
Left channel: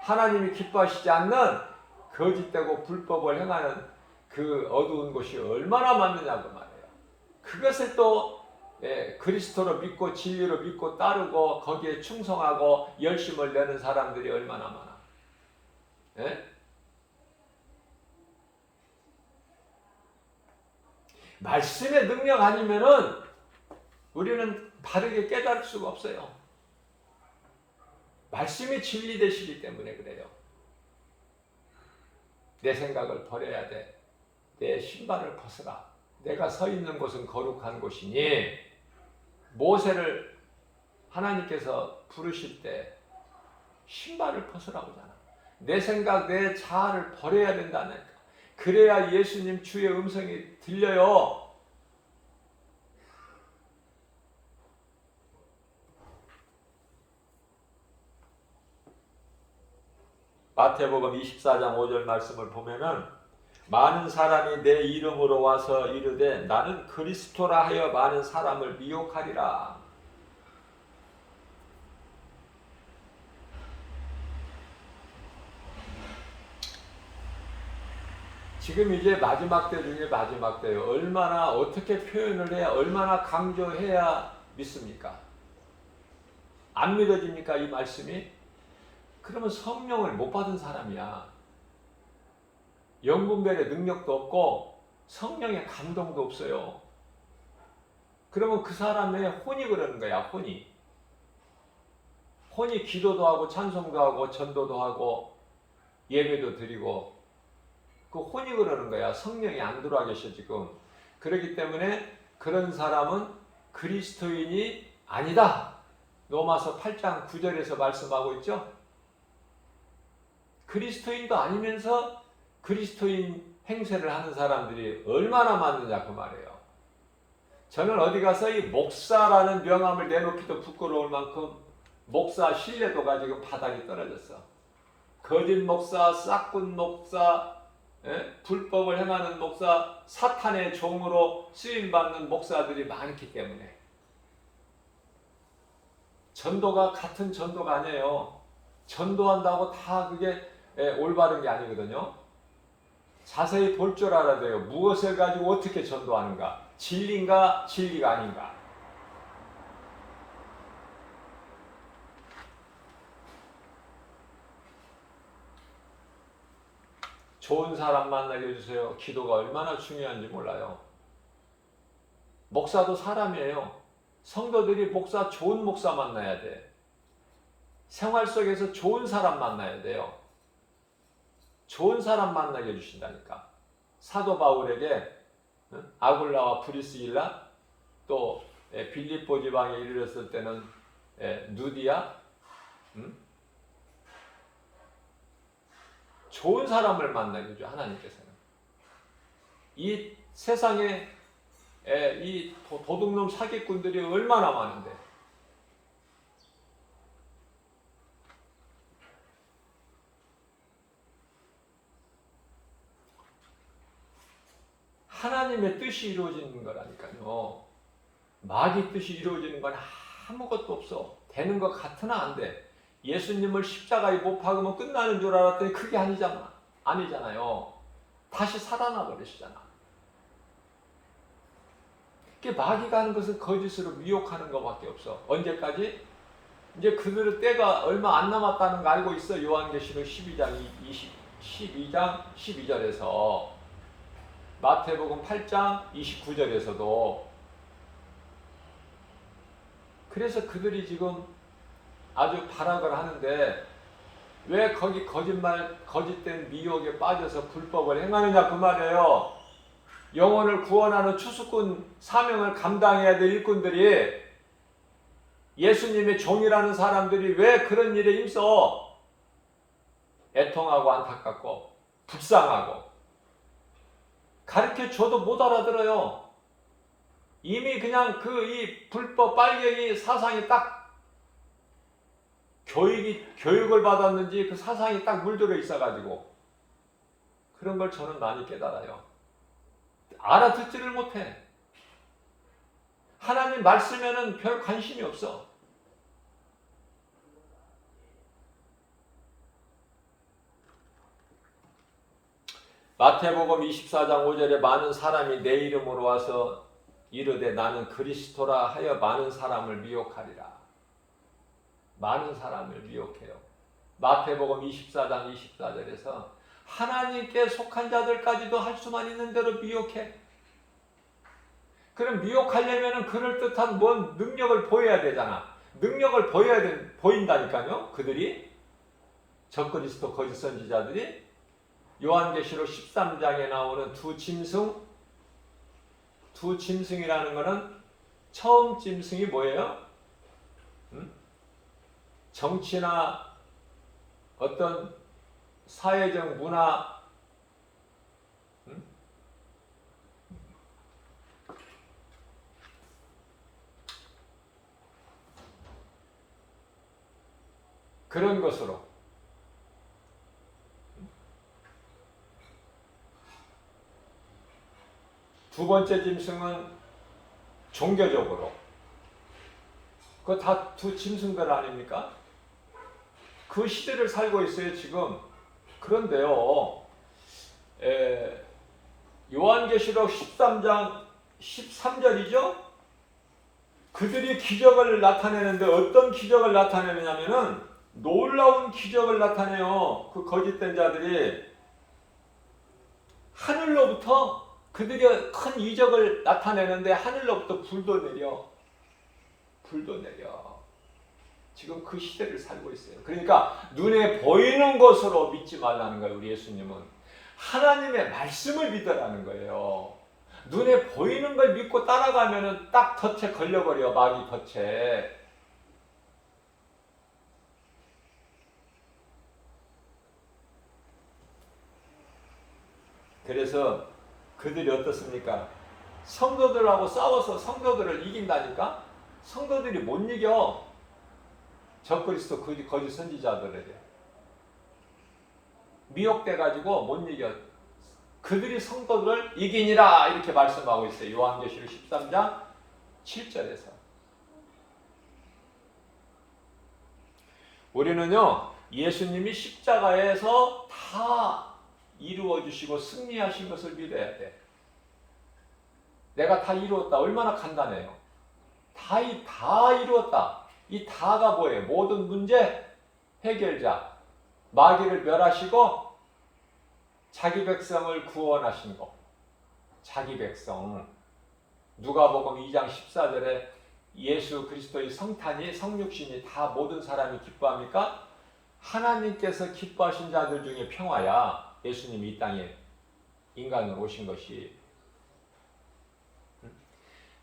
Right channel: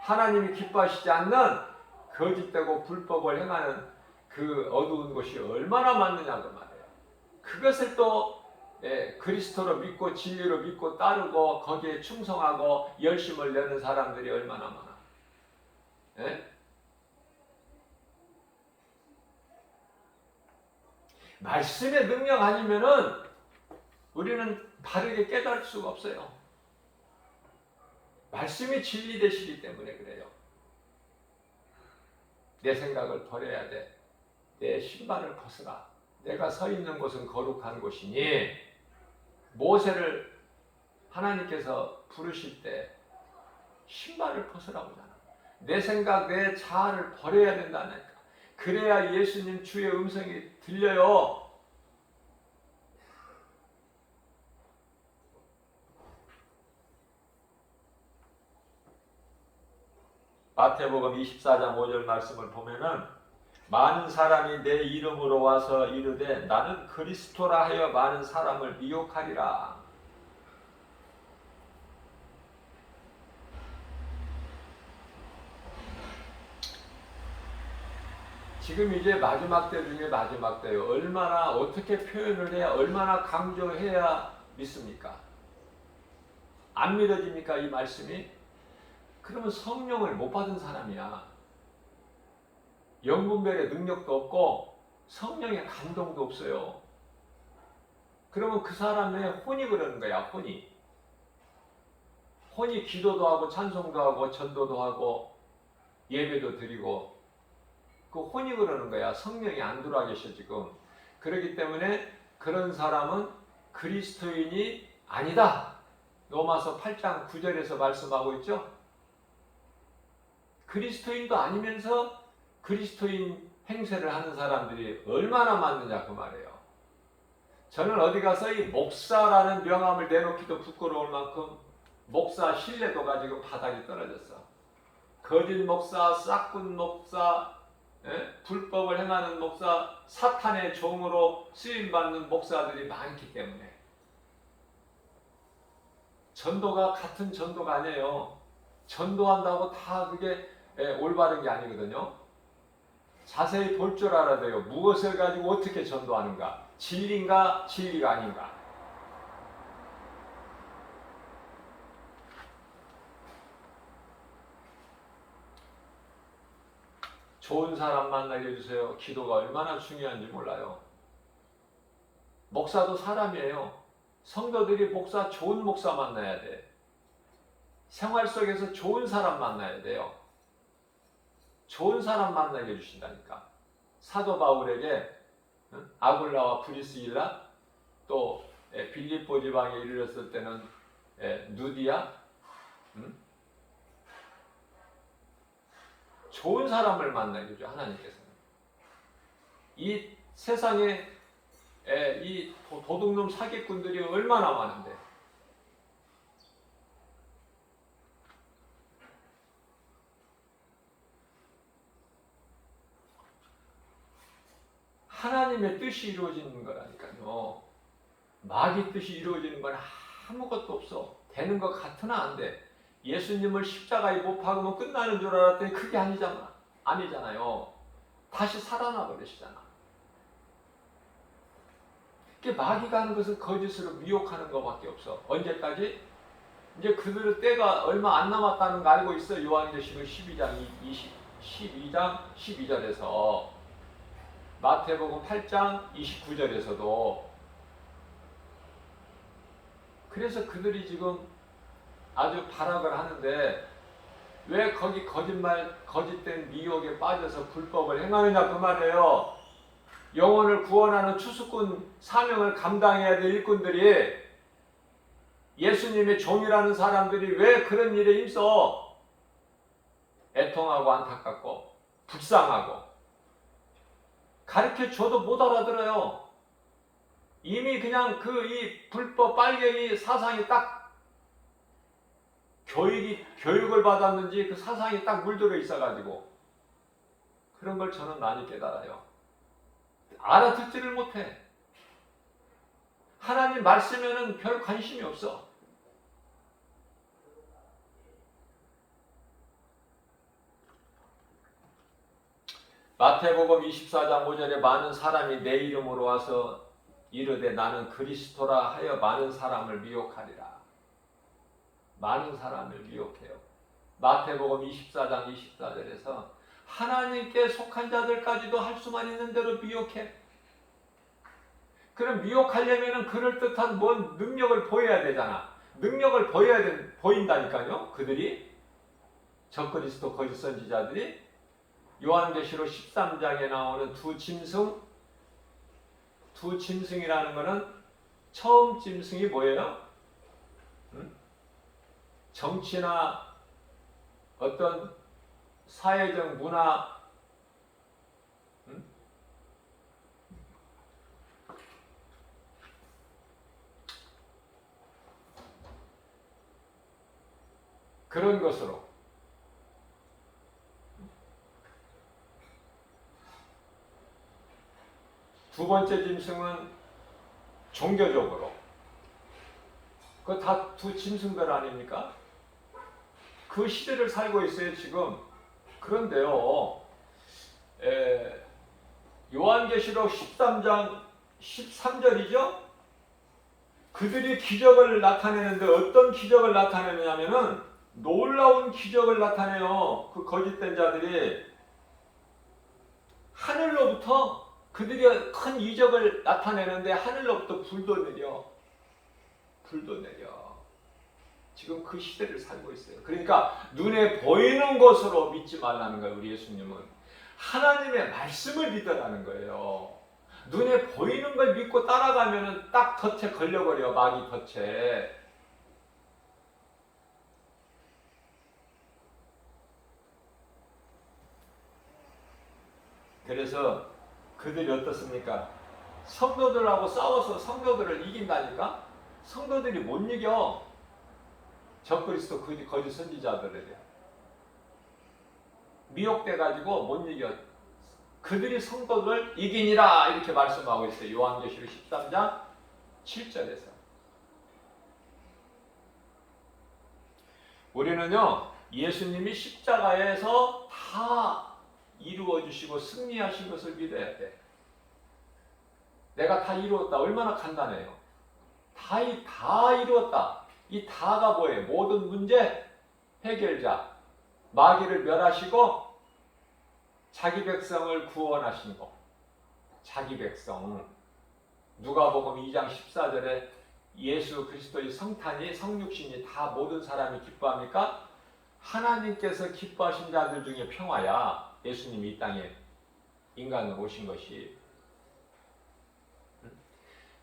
하나님이 기뻐하시지 않는 거짓되고 불법을 행하는 그 어두운 곳이 얼마나 많느냐고 말이에요. 그것을 또 그리스도로 믿고 진리로 믿고 따르고 거기에 충성하고 열심을 내는 사람들이 얼마나 많아. 예? 말씀의 능력 아니면은 우리는 바르게 깨달을 수가 없어요. 말씀이 진리 되시기 때문에 그래요. 내 생각을 버려야 돼. 내 신발을 벗어라. 내가 서 있는 곳은 거룩한 곳이니. 모세를 하나님께서 부르실 때 신발을 벗으라고 하잖아. 내 생각, 내 자아를 버려야 된다니까. 그래야 예수님 주의 음성이 들려요. 마태복음 24장 5절 말씀을 보면은 많은 사람이 내 이름으로 와서 이르되 나는 그리스도라 하여 많은 사람을 미혹하리라. 지금 이제 마지막 때 중에 마지막 때예요. 얼마나 어떻게 표현을 해야, 얼마나 강조해야 믿습니까? 안 믿어집니까 이 말씀이? 그러면 성령을 못 받은 사람이야. 영분별의 능력도 없고 성령의 감동도 없어요. 그러면 그 사람의 혼이 그러는 거야. 혼이 기도도 하고 찬송도 하고 전도도 하고 예배도 드리고 그 혼이 그러는 거야. 성령이 안 들어와 계셔 지금. 그렇기 때문에 그런 사람은 그리스도인이 아니다. 로마서 8장 9절에서 말씀하고 있죠. 그리스도인도 아니면서 그리스도인 행세를 하는 사람들이 얼마나 많느냐 그 말이에요. 저는 어디 가서 이 목사라는 명함을 내놓기도 부끄러울 만큼 목사 신뢰도가 지금 바닥이 떨어졌어. 거짓 목사, 싹군 목사, 불법을 행하는 목사, 사탄의 종으로 쓰임받는 목사들이 많기 때문에. 전도가 같은 전도가 아니에요. 전도한다고 다 그게 올바른 게 아니거든요. 자세히 볼 줄 알아야 돼요. 무엇을 가지고 어떻게 전도하는가? 진리인가 진리가 아닌가? 좋은 사람 만나게 해주세요. 기도가 얼마나 중요한지 몰라요. 목사도 사람이에요. 성도들이 좋은 목사 만나야 돼. 생활 속에서 좋은 사람 만나야 돼요. 좋은 사람 만나게 해주신다니까. 사도 바울에게 아굴라와 브리스길라 또 빌립보 지방에 이르렀을 때는 누디아 좋은 사람을 만나게 해줘 하나님께서는. 이 세상에 이 도둑놈 사기꾼들이 얼마나 많은데 하나님의 뜻이 이루어지는 거라니까요. 마귀 뜻이 이루어지는 건 아무것도 없어. 되는 것 같으나 안 돼. 예수님을 십자가에 못 박으면 끝나는 줄 알았더니 그게 아니잖아요. 다시 살아나 버리시잖아. 마귀가 하는 것은 거짓으로 미혹하는 것밖에 없어. 언제까지? 이제 그들의 때가 얼마 안 남았다는 거 알고 있어. 요한계시록 12장 12절에서 마태복음 8장 29절에서도. 그래서 그들이 지금 아주 발악을 하는데 왜 거기 거짓된 미혹에 빠져서 불법을 행하느냐 그 말이에요. 영혼을 구원하는 추수꾼 사명을 감당해야 될 일꾼들이, 예수님의 종이라는 사람들이 왜 그런 일에 힘써 애통하고 안타깝고 불쌍하고 가르쳐줘도 못 알아들어요. 이미 그냥 이 불법 빨갱이 사상이 딱 교육을 받았는지 그 사상이 딱 물들어 있어가지고 그런 걸 저는 많이 깨달아요. 알아듣지를 못해. 하나님 말씀에는 별 관심이 없어. 마태복음 24장 5절에 많은 사람이 내 이름으로 와서 이르되 나는 그리스도라 하여 많은 사람을 미혹하리라. 많은 사람을 미혹해요. 마태복음 24장 24절에서 하나님께 속한 자들까지도 할 수만 있는 대로 미혹해. 그럼 미혹하려면 그럴듯한 뭔 능력을 보여야 되잖아. 능력을 보인다니까요. 그들이 적그리스도 거짓 선지자들이. 요한계시록 13장에 나오는 두 짐승이라는 것은 처음 짐승이 뭐예요? 정치나 어떤 사회적 문화, 그런 것으로. 두 번째 짐승은 종교적으로. 그거 다 두 짐승들 아닙니까? 그 시대를 살고 있어요 지금. 그런데요, 요한계시록 13장 13절이죠? 그들이 기적을 나타내는데 어떤 기적을 나타내냐면은 놀라운 기적을 나타내요. 그 거짓된 자들이 하늘로부터, 그들이 큰 이적을 나타내는데 하늘로부터 불도 내려. 지금 그 시대를 살고 있어요. 그러니까 눈에 보이는 것으로 믿지 말라는 거예요. 우리 예수님은 하나님의 말씀을 믿으라는 거예요. 눈에 보이는 걸 믿고 따라가면은 딱 덫에 걸려버려. 마귀 덫에. 그래서 그들이 어떻습니까? 성도들하고 싸워서 성도들을 이긴다니까? 성도들이 못 이겨. 적그리스도 거짓 선지자들에게 미혹돼가지고 못 이겨. 그들이 성도를 이기니라 이렇게 말씀하고 있어요. 요한계시록 13장 7절에서. 우리는요, 예수님이 십자가에서 다 이루어주시고 승리하신 것을 믿어야 돼. 내가 다 이루었다. 얼마나 간단해요. 다 이루었다. 이 다가 뭐예요? 모든 문제 해결자. 마귀를 멸하시고 자기 백성을 구원하신 것. 자기 백성. 누가복음 2장 14절에 예수 그리스도의 성탄이, 성육신이 다 모든 사람이 기뻐합니까? 하나님께서 기뻐하신 자들 중에 평화야. 예수님이 이 땅에 인간으로 오신 것이.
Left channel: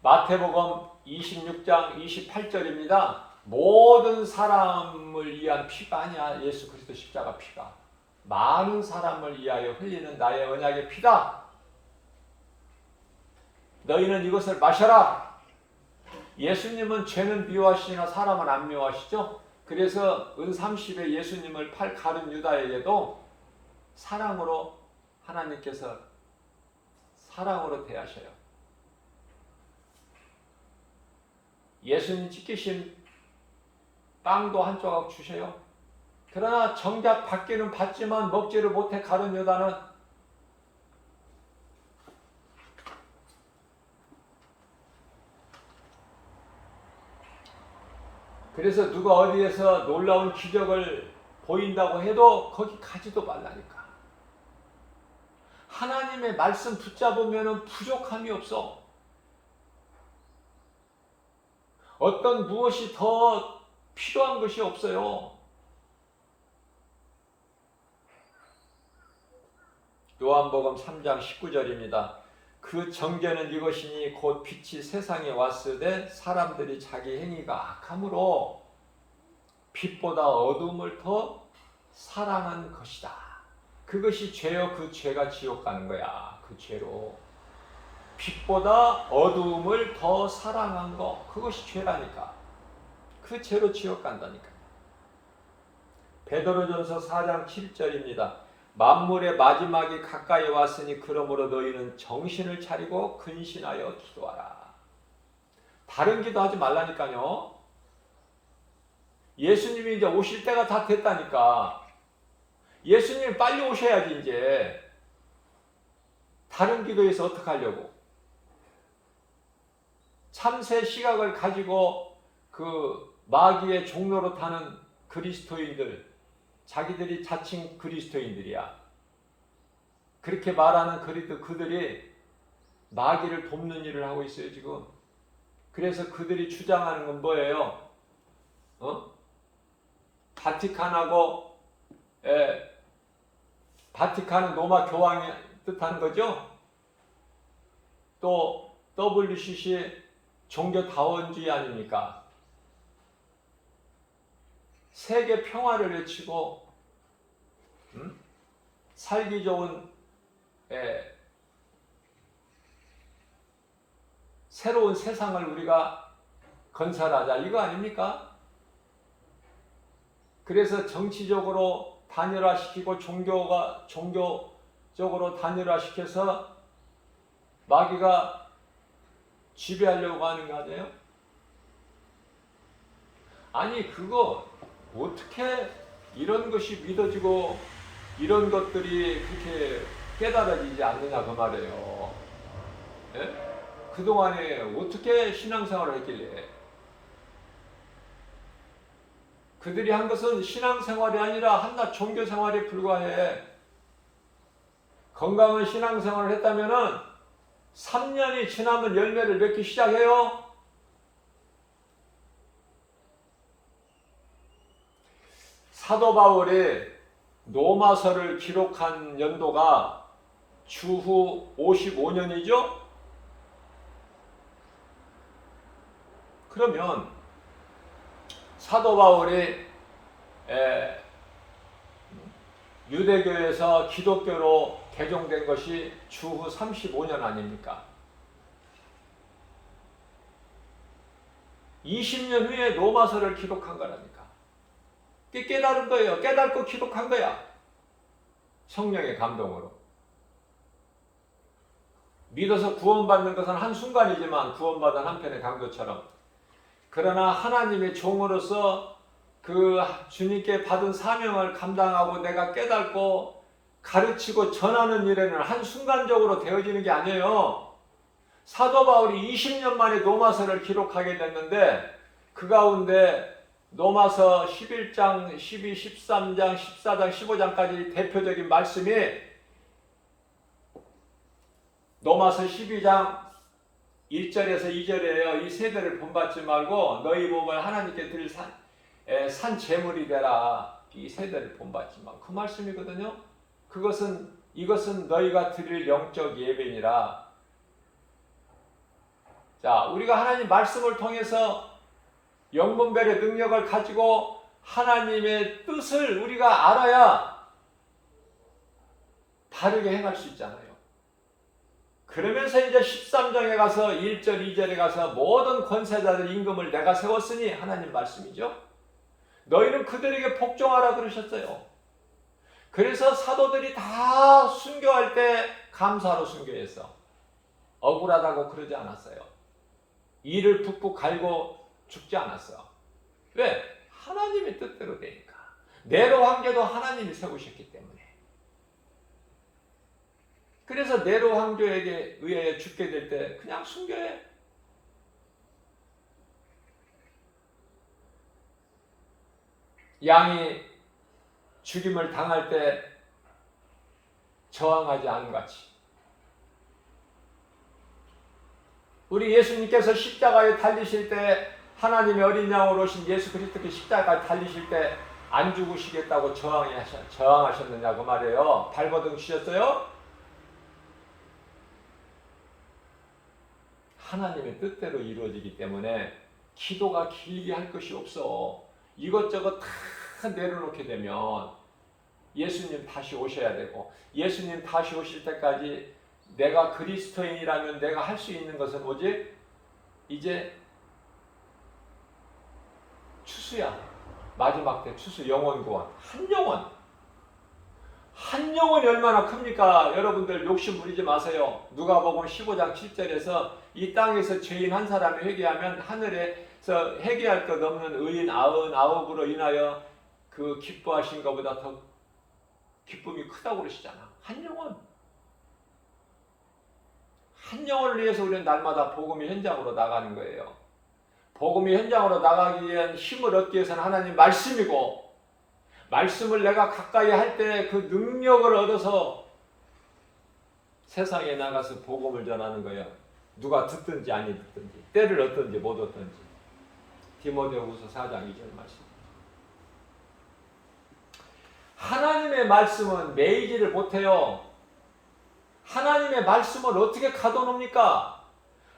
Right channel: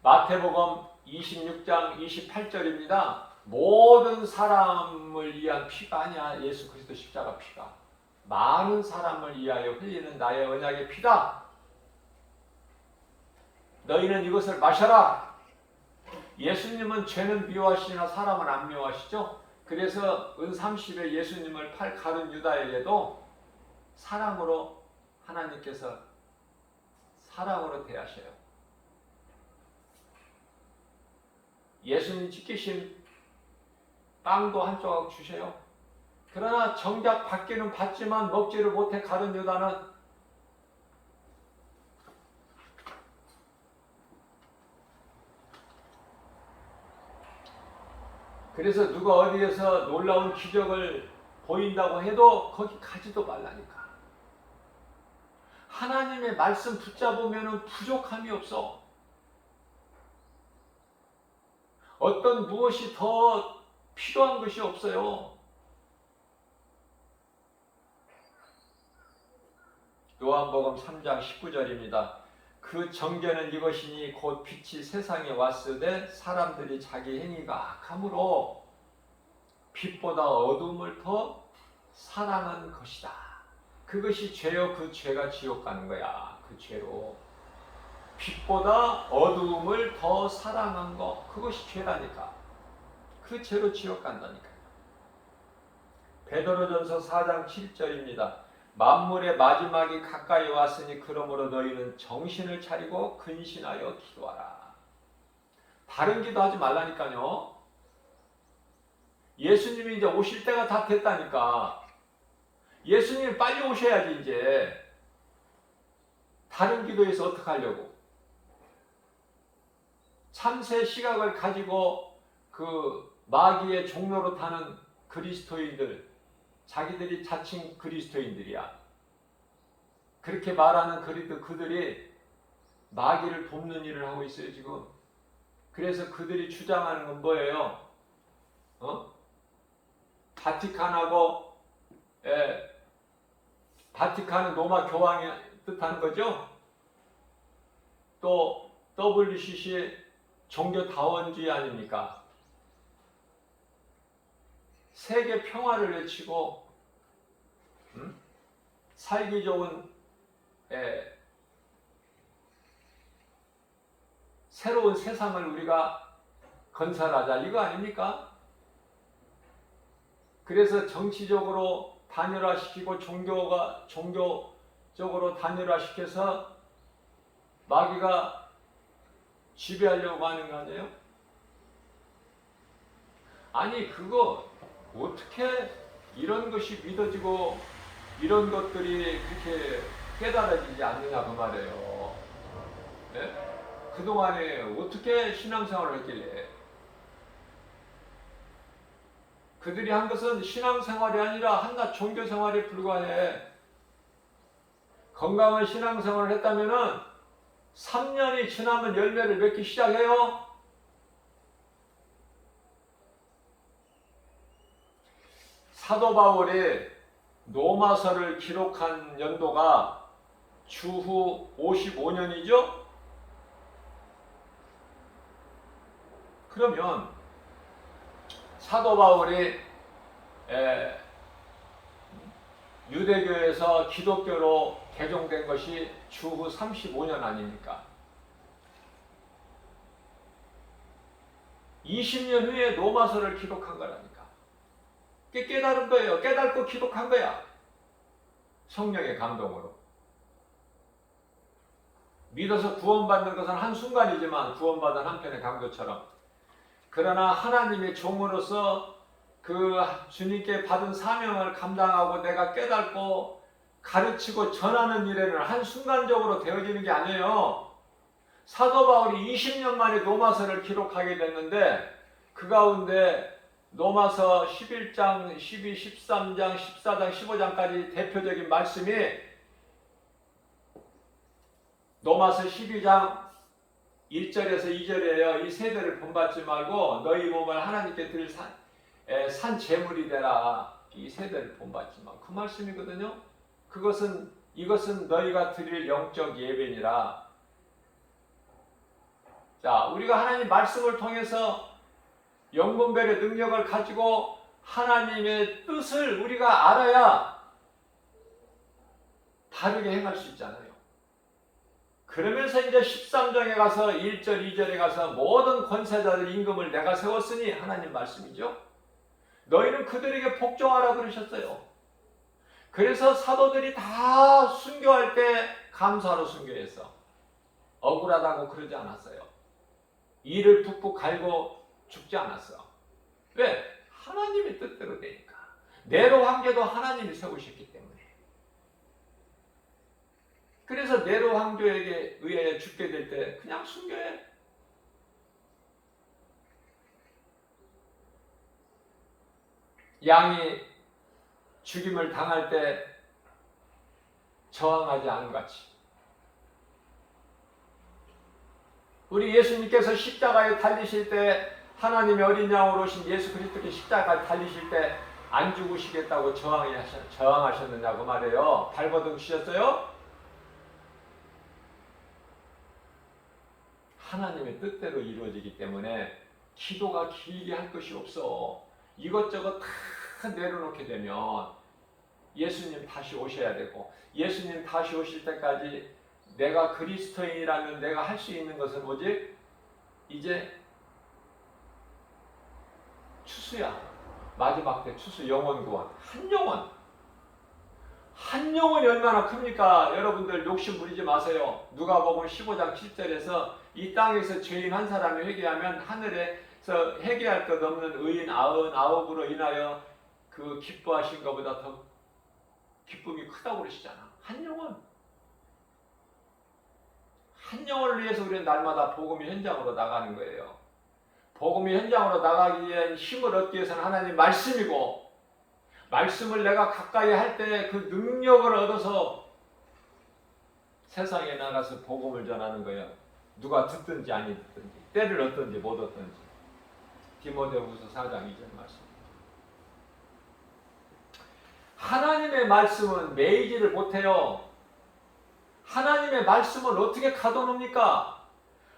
마태복음 26장 28절입니다. 모든 사람을 위한 피가 아니야. 예수 그리스도 십자가 피가. 많은 사람을 위하여 흘리는 나의 언약의 피다. 너희는 이것을 마셔라. 예수님은 죄는 미워하시나 사람은 안 미워하시죠? 그래서 은30에 예수님을 팔 가룟 유다에게도 사랑으로 하나님께서 사랑으로 대하셔요. 예수님 지키신 빵도 한 조각 주셔요. 그러나 정작 받기는 받지만 먹지를 못해 가룟 유다는 그래서 누가 어디에서 놀라운 기적을 보인다고 해도 거기 가지도 말라니까. 하나님의 말씀 붙잡으면 부족함이 없어. 어떤 무엇이 더 필요한 것이 없어요. 요한복음 3장 19절입니다. 그 정죄는 이것이니 곧 빛이 세상에 왔으되 사람들이 자기 행위가 악함으로 빛보다 어둠을 더 사랑한 것이다. 그것이 죄요. 그 죄가 지옥 가는 거야. 그 죄로. 빛보다 어둠을 더 사랑한 거. 그것이 죄라니까. 그 죄로 지옥 간다니까. 베드로전서 4장 7절입니다. 만물의 마지막이 가까이 왔으니 그러므로 너희는 정신을 차리고 근신하여 기도하라. 다른 기도하지 말라니까요. 예수님이 이제 오실 때가 다 됐다니까. 예수님이 빨리 오셔야지 이제. 다른 기도에서 어떻게 하려고. 참새 시각을 가지고 그 마귀의 종로로 타는 그리스도인들, 자기들이 자칭 그리스도인들이야. 그렇게 말하는 그들이 마귀를 돕는 일을 하고 있어요 지금. 그래서 그들이 주장하는 건 뭐예요? 바티칸하고 바티칸은 로마 교황의 뜻하는 거죠. 또 WCC 종교다원주의 아닙니까? 세계 평화를 외치고 살기 좋은 새로운 세상을 우리가 건설하자 이거 아닙니까? 그래서 정치적으로 단일화시키고 종교적으로 단일화시켜서 마귀가 지배하려고 하는 거 아니에요? 아니 그거 어떻게 이런 것이 믿어지고 이런 것들이 그렇게 깨달아지지 않느냐 그 말이에요. 예? 그동안에 어떻게 신앙생활을 했길래 그들이 한 것은 신앙생활이 아니라 한낱 종교생활에 불과해. 건강한 신앙생활을 했다면은 3년이 지나면 열매를 맺기 시작해요. 사도 바울이 로마서를 기록한 연도가 주후 55년이죠? 그러면 사도 바울이 유대교에서 기독교로 개종된 것이 주후 35년 아닙니까? 20년 후에 로마서를 기록한 거라니까. 깨달은 거예요. 깨닫고 기록한 거야. 성령의 감동으로. 믿어서 구원받는 것은 한순간이지만 구원받은 한편의 강도처럼. 그러나 하나님의 종으로서 그 주님께 받은 사명을 감당하고 내가 깨닫고 가르치고 전하는 일에는 한순간적으로 되어지는 게 아니에요. 사도 바울이 20년 만에 로마서를 기록하게 됐는데 그 가운데 로마서 11장, 12, 13장, 14장, 15장까지 대표적인 말씀이 로마서 12장 1절에서 2절이에요. 이 세대를 본받지 말고 너희 몸을 하나님께 드릴 산 제물이 되라. 이 세대를 본받지 마. 그 말씀이거든요. 이것은 너희가 드릴 영적 예배니라. 자, 우리가 하나님 말씀을 통해서 영분별의 능력을 가지고 하나님의 뜻을 우리가 알아야 바르게 행할 수 있잖아요. 그러면서 이제 13장에 가서 1절, 2절에 가서 모든 권세자들 임금을 내가 세웠으니 하나님 말씀이죠. 너희는 그들에게 복종하라 그러셨어요. 그래서 사도들이 다 순교할 때 감사로 순교했어. 억울하다고 그러지 않았어요. 이를 푹푹 갈고 죽지 않았어. 왜? 하나님의 뜻대로 되니까. 네로 황제도 하나님이 세우셨기 때문에. 그래서 네로 황제에게 의해 죽게 될 때 그냥 순교해. 양이 죽임을 당할 때 저항하지 않은 것 같이. 우리 예수님께서 십자가에 달리실 때 하나님의 어린 양으로 오신 예수 그리스도께 십자가에 달리실 때 안 죽으시겠다고 저항하셨느냐고 말이에요. 발버둥 치셨어요? 하나님의 뜻대로 이루어지기 때문에 기도가 길게 할 것이 없어. 이것저것 다 내려놓게 되면 예수님 다시 오셔야 되고, 예수님 다시 오실 때까지 내가 그리스도인이라면 내가 할 수 있는 것은 뭐지? 이제 추수야. 마지막 때 추수 영혼 구원. 한 영혼이 얼마나 큽니까? 여러분들 욕심 부리지 마세요. 누가복음 15장 7절에서 이 땅에서 죄인 한 사람이 회개하면 하늘에서 회개할 것 없는 의인 99으로 인하여 그 기뻐하신 것보다 더 기쁨이 크다고 그러시잖아. 한 영혼을 위해서 우리는 날마다 복음의 현장으로 나가는 거예요. 복음의 현장으로 나가기 위한 힘을 얻기 위해서는 하나님 말씀이고, 말씀을 내가 가까이 할 때 그 능력을 얻어서 세상에 나가서 복음을 전하는 거예요. 누가 듣든지 아니 듣든지, 때를 얻든지 못 얻든지. 디모데후서 4장 2절 말씀. 하나님의 말씀은 매이지를 못해요. 하나님의 말씀을 어떻게 가둬놓습니까?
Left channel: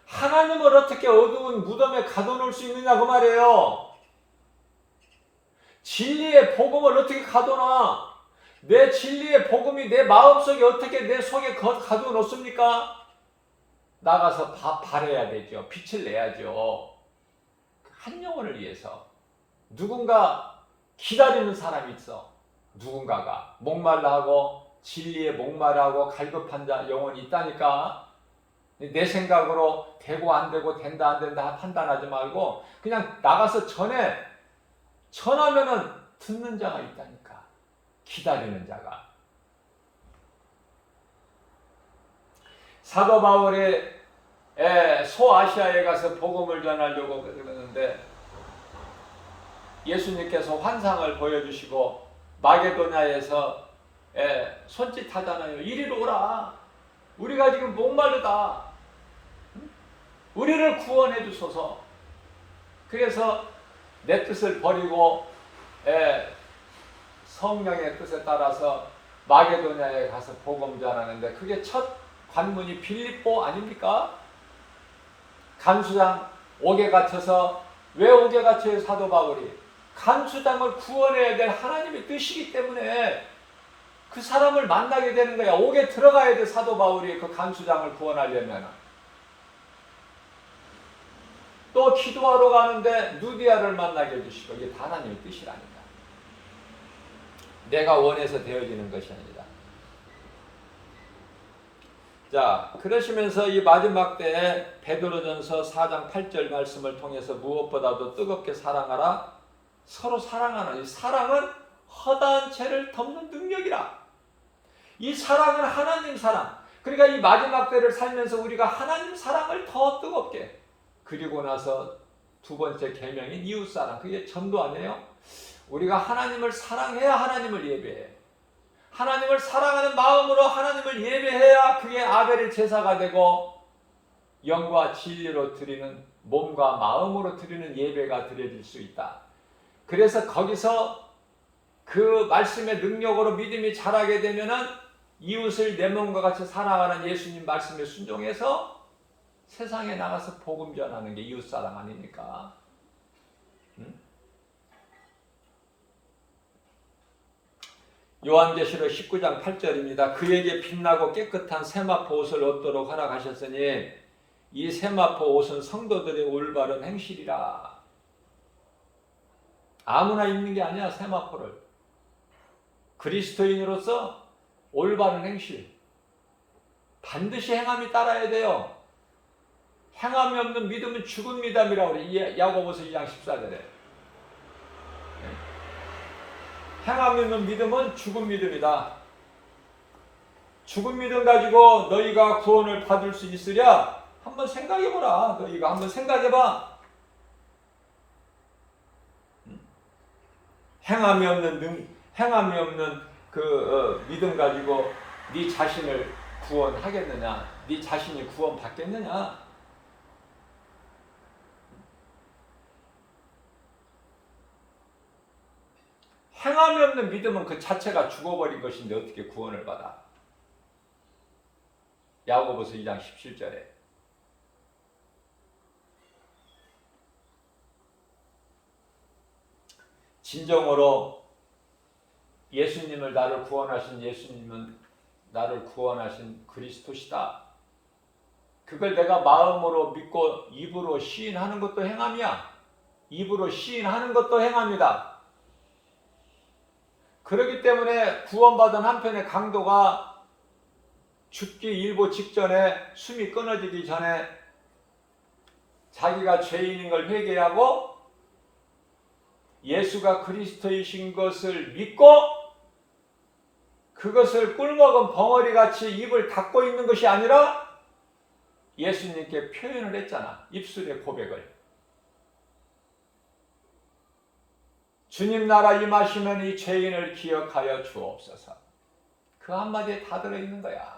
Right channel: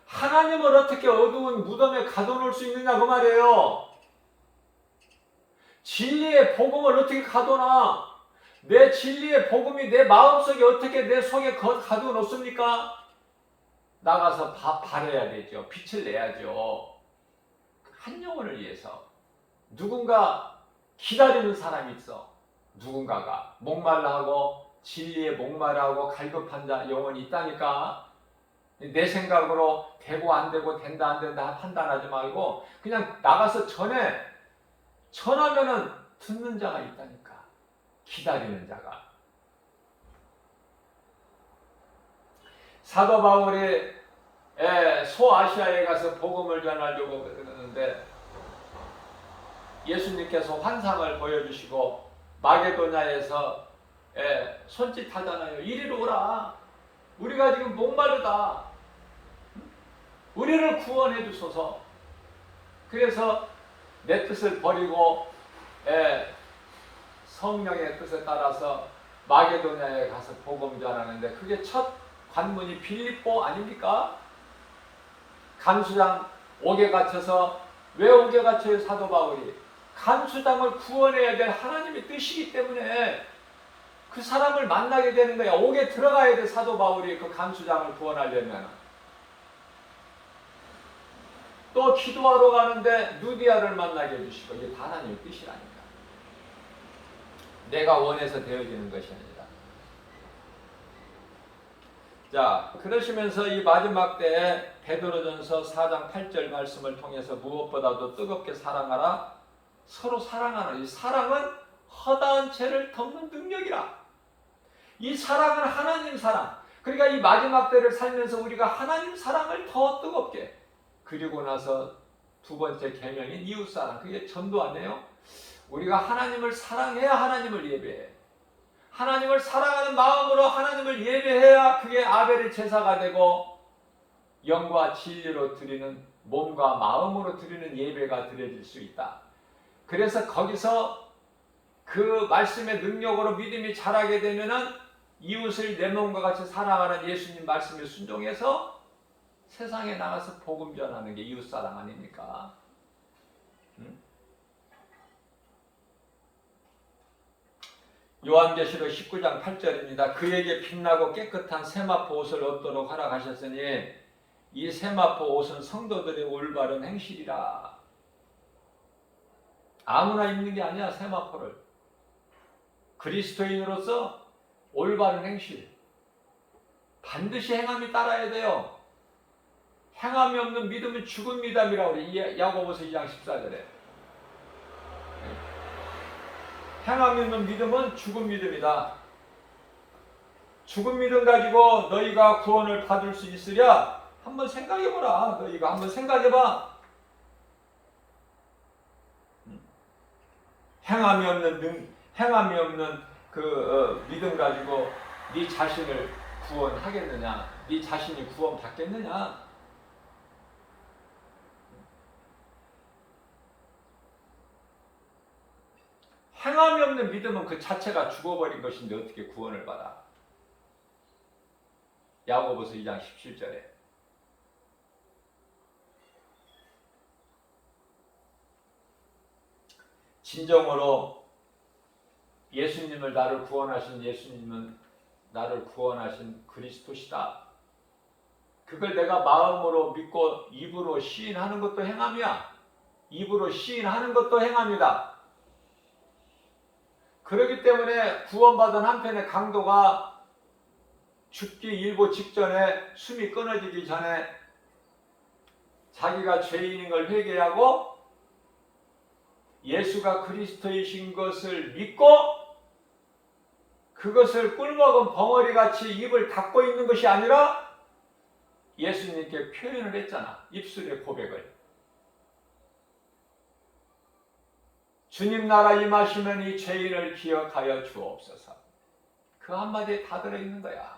하나님을 어떻게 어두운 무덤에 가둬놓을 수 있느냐 그 말이에요. 진리의 복음을 어떻게 가둬놔? 내 진리의 복음이 내 마음속에 어떻게 내 속에 가둬놓습니까? 나가서 발해야 되죠. 빛을 내야죠. 한 영혼을 위해서. 누군가 기다리는 사람이 있어. 누군가가 목말라하고 진리에 목말라하고 갈급한 자 영혼이 있다니까. 내 생각으로 되고 안 되고 된다 안 된다 판단하지 말고 그냥 나가서 전하면은 듣는 자가 있다니까. 기다리는 자가. 사도 바울이 소아시아에 가서 복음을 전하려고 그러는데 예수님께서 환상을 보여주시고 마게도냐에서 손짓하잖아요. 이리로 오라. 우리가 지금 목마르다. 우리를 구원해 주소서. 그래서 내 뜻을 버리고 성령의 뜻에 따라서 마게도냐에 가서 복음 전하는데 그게 첫 관문이 빌립보 아닙니까? 간수장 옥에 갇혀서 왜 옥에 갇혀요? 사도 바울이 간수장을 구원해야 될 하나님의 뜻이기 때문에 그 사람을 만나게 되는 거야. 옥에 들어가야 돼. 사도 바울이 그 간수장을 구원하려면. 또 기도하러 가는데 누디아를 만나게 해주시고 이게 다 하나님의 뜻이라니까. 내가 원해서 되어지는 것이 아니라. 자, 그러시면서 이 마지막 때에 베드로전서 4장 8절 말씀을 통해서 무엇보다도 뜨겁게 사랑하라. 서로 사랑하라. 이 사랑은 허다한 죄를 덮는 능력이라. 이 사랑은 하나님 사랑. 그러니까 이 마지막 때를 살면서 우리가 하나님 사랑을 더 뜨겁게. 그리고 나서 두 번째 계명인 이웃사랑. 그게 전도 아니에요? 우리가 하나님을 사랑해야 하나님을 예배해. 하나님을 사랑하는 마음으로 하나님을 예배해야 그게 아벨의 제사가 되고 영과 진리로 드리는 몸과 마음으로 드리는 예배가 드려질 수 있다. 그래서 거기서 그 말씀의 능력으로 믿음이 자라게 되면은 이웃을 내 몸과 같이 사랑하는 예수님 말씀에 순종해서 세상에 나가서 복음 전하는 게 이웃사랑 아닙니까? 요한계시록 19장 8절입니다. 그에게 빛나고 깨끗한 세마포 옷을 얻도록 허락하셨으니 이 세마포 옷은 성도들의 올바른 행실이라. 아무나 입는 게 아니야. 세마포를. 그리스도인으로서 올바른 행실. 반드시 행함이 따라야 돼요. 행함이 없는 믿음은 죽은 믿음이라고 그래. 야고보서 2장 14절에. 행함이 없는 믿음은 죽은 믿음이다. 죽은 믿음 가지고 너희가 구원을 받을 수 있으랴? 한번 생각해보라. 너희가 한번 생각해봐. 행함이 없는 믿음 가지고 네 자신을 구원하겠느냐? 네 자신이 구원받겠느냐? 행함이 없는 믿음은 그 자체가 죽어버린 것인데 어떻게 구원을 받아? 야고보서 2장 17절에 진정으로 예수님을 나를 구원하신 예수님은 나를 구원하신 그리스도시다. 그걸 내가 마음으로 믿고 입으로 시인하는 것도 행함이야. 입으로 시인하는 것도 행함이다. 그렇기 때문에 구원받은 한편의 강도가 죽기 일보 직전에 숨이 끊어지기 전에 자기가 죄인인 걸 회개하고 예수가 그리스도이신 것을 믿고 그것을 꿀먹은 벙어리같이 입을 닫고 있는 것이 아니라 예수님께 표현을 했잖아. 입술의 고백을. 주님 나라 임하시면 이 죄인을 기억하여 주옵소서. 그 한마디에 다 들어있는 거야.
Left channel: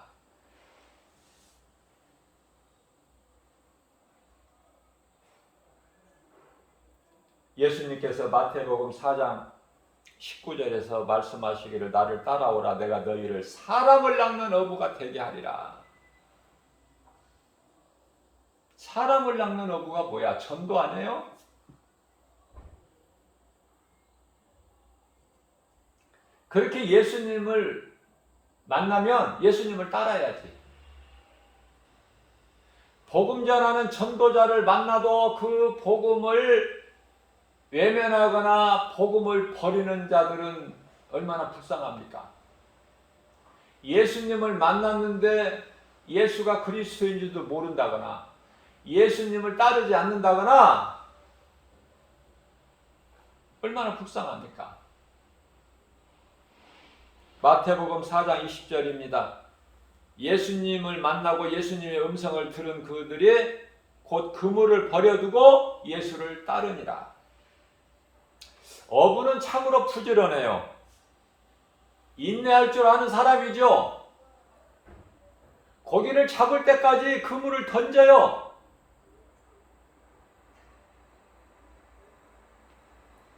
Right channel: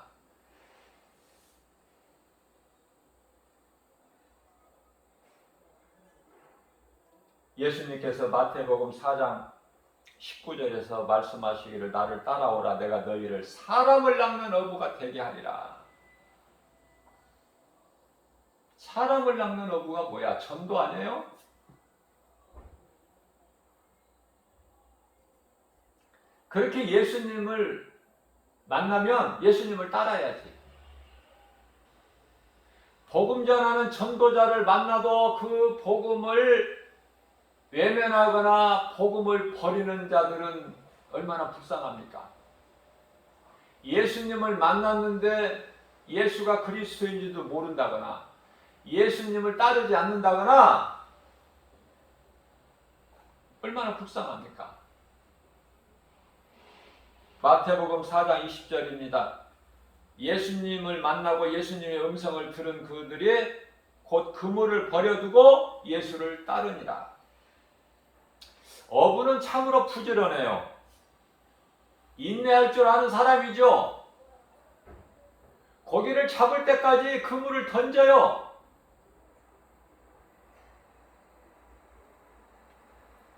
예수님께서 마태복음 4장 19절에서 말씀하시기를 나를 따라오라 내가 너희를 사람을 낚는 어부가 되게 하리라. 사람을 낚는 어부가 뭐야? 전도 아니에요? 그렇게 예수님을 만나면 예수님을 따라야지. 복음 전하는 전도자를 만나도 그 복음을 외면하거나 복음을 버리는 자들은 얼마나 불쌍합니까? 예수님을 만났는데 예수가 그리스도인지도 모른다거나 예수님을 따르지 않는다거나 얼마나 불쌍합니까? 마태복음 4장 20절입니다. 예수님을 만나고 예수님의 음성을 들은 그들이 곧 그물을 버려두고 예수를 따르니라. 어부는 참으로 부지런해요. 인내할 줄 아는 사람이죠. 고기를 잡을 때까지 그물을 던져요.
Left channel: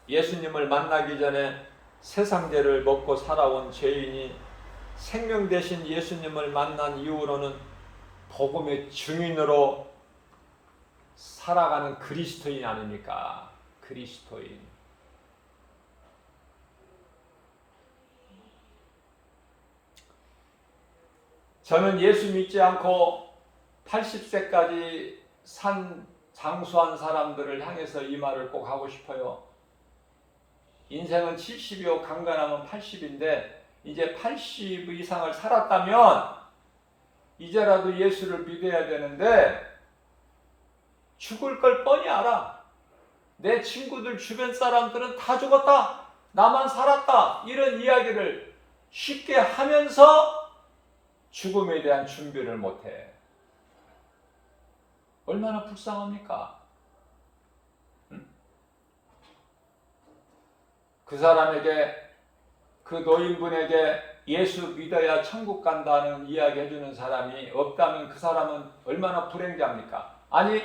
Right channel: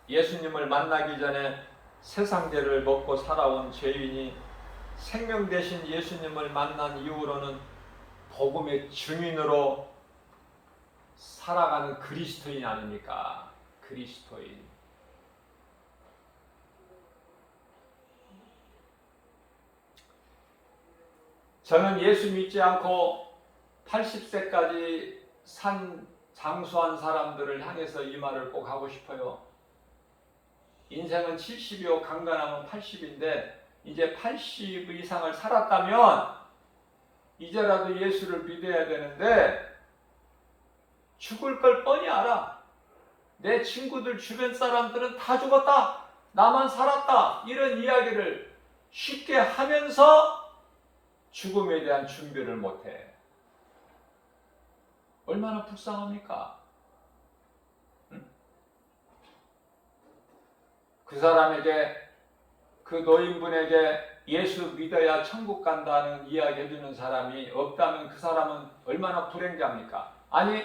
예수님을 만나기 전에 세상죄를 먹고 살아온 죄인이 생명 대신 예수님을 만난 이후로는 복음의 증인으로 살아가는 그리스도인 아닙니까? 그리스도인. 저는 예수 믿지 않고 80세까지 장수한 사람들을 향해서 이 말을 꼭 하고 싶어요. 인생은 70이요 강간하면 80인데 이제 80 이상을 살았다면 이제라도 예수를 믿어야 되는데 죽을 걸 뻔히 알아. 내 친구들 주변 사람들은 다 죽었다. 나만 살았다. 이런 이야기를 쉽게 하면서 죽음에 대한 준비를 못해. 얼마나 불쌍합니까? 그 사람에게, 그 노인분에게 예수 믿어야 천국 간다는 이야기 해주는 사람이 없다면 그 사람은 얼마나 불행자입니까? 아니,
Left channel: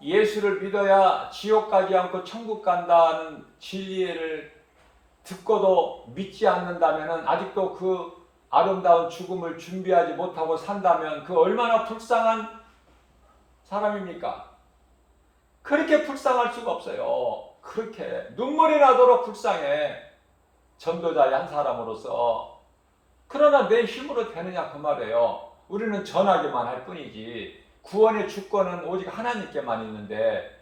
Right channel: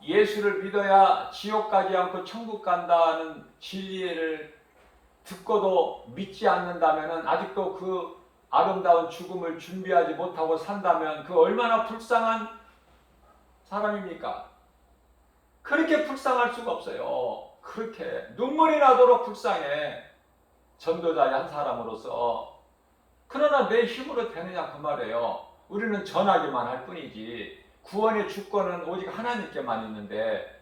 예수를 믿어야 지옥 가지 않고 천국 간다는 진리를 듣고도 믿지 않는다면 아직도 그 아름다운 죽음을 준비하지 못하고 산다면 그 얼마나 불쌍한 사람입니까? 그렇게 불쌍할 수가 없어요. 그렇게 눈물이 나도록 불쌍해. 전도자의 한 사람으로서. 그러나 내 힘으로 되느냐 그 말이에요. 우리는 전하기만 할 뿐이지 구원의 주권은 오직 하나님께만 있는데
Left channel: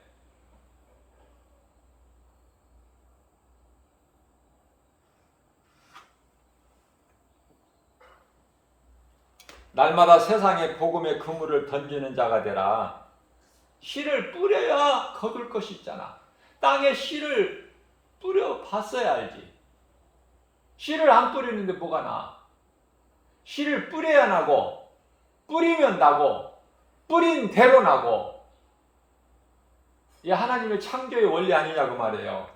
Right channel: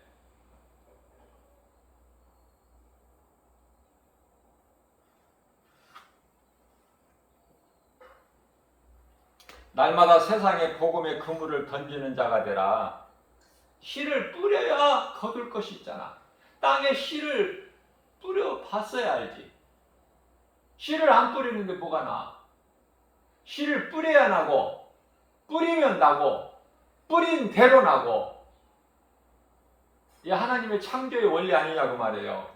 날마다 세상에 복음의 그물을 던지는 자가 되라. 씨를 뿌려야 거둘 것이 있잖아. 땅에 씨를 뿌려 봤어야 알지. 씨를 안 뿌리는데 뭐가 나? 씨를 뿌려야 나고, 뿌리면 나고, 뿌린 대로 나고. 이게 하나님의 창조의 원리 아니냐고 말이에요.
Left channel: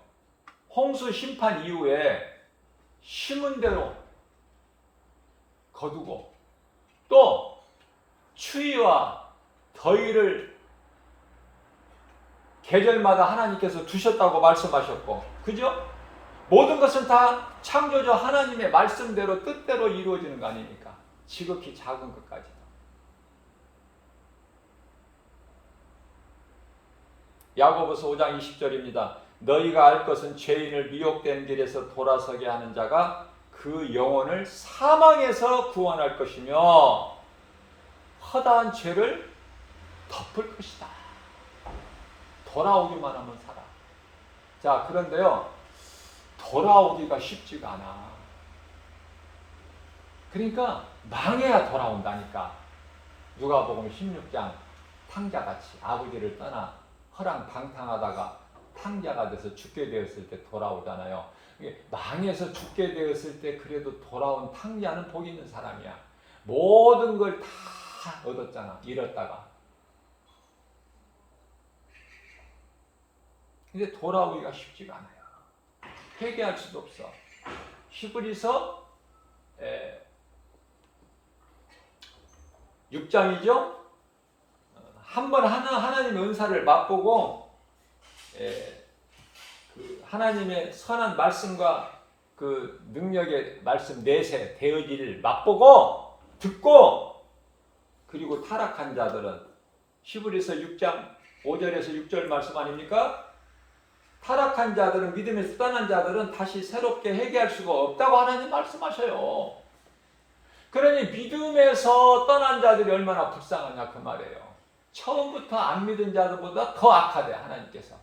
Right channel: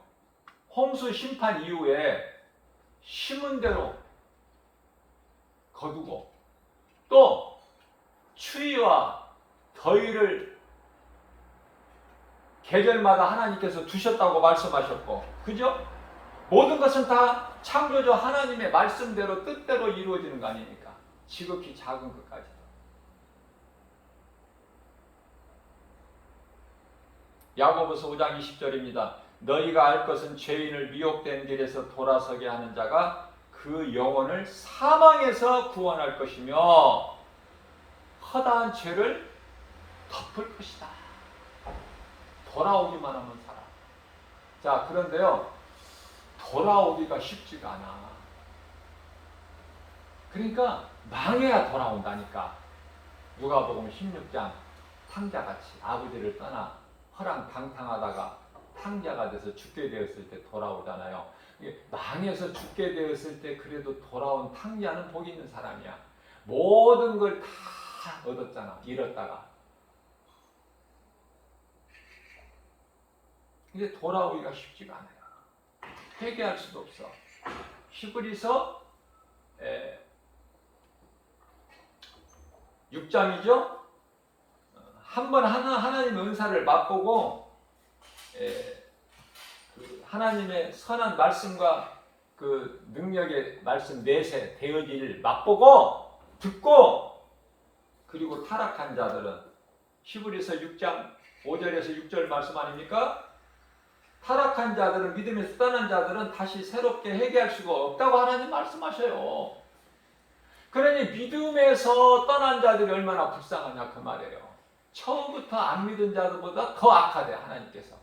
홍수 심판 이후에 심은 대로 거두고, 또 추위와 더위를 계절마다 하나님께서 주셨다고 말씀하셨고, 그죠? 모든 것은 다 창조주 하나님의 말씀대로 뜻대로 이루어지는 거 아닙니까? 지극히 작은 것까지도. 야고보서 5장 20절입니다. 너희가 알 것은 죄인을 미혹된 길에서 돌아서게 하는 자가 그 영혼을 사망에서 구원할 것이며 허다한 죄를 덮을 것이다. 돌아오기만 하면 살아. 자, 그런데요, 돌아오기가 쉽지가 않아. 그러니까 망해야 돌아온다니까. 누가복음 16장 탕자같이 아버지를 떠나 허랑방탕하다가 탕자가 돼서 죽게 되었을 때 돌아오잖아요. 망해서 죽게 되었을 때 그래도 돌아온 탕자는 복 있는 사람이야. 모든 걸 다 얻었잖아. 잃었다가. 근데 돌아오기가 쉽지가 않아요. 회개할 수도 없어. 히브리서 6장이죠. 한번 하나님의 은사를 맛보고 그 하나님의 선한 말씀과 그 능력의 말씀 내세 되어질 맛보고 듣고, 그리고 타락한 자들은 히브리서 6장 5절에서 6절 말씀 아닙니까? 타락한 자들은, 믿음에서 떠난 자들은 다시 새롭게 회개할 수가 없다고 하나님 말씀하셔요. 그러니 믿음에서 떠난 자들이 얼마나 불쌍하냐 그 말이에요. 처음부터 안 믿은 자들보다 더 악하대 하나님께서.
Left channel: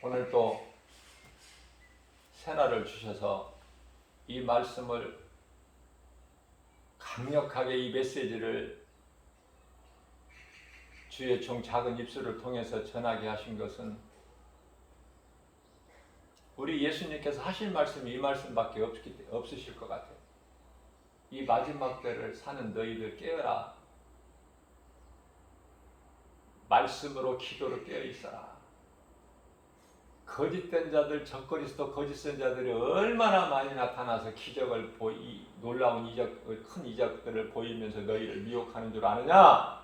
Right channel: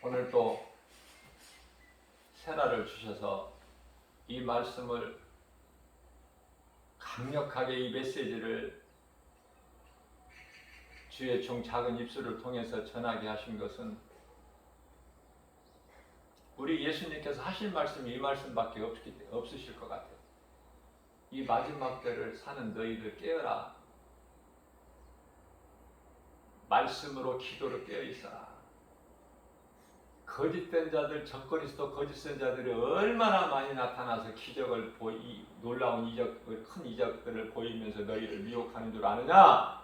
오늘 또 새날을 주셔서 이 말씀을 강력하게, 이 메시지를 주의 종 작은 입술을 통해서 전하게 하신 것은 우리 예수님께서 하신 말씀이 이 말씀밖에 없으실 것 같아요. 이 마지막 때를 사는 너희들 깨어라. 말씀으로 기도로 깨어 있어라. 거짓된 자들, 적그리스도 거짓 선자들이 얼마나 많이 나타나서 기적을 놀라운 이적을, 큰 이적들을 보이면서 너희를 미혹하는 줄 아느냐?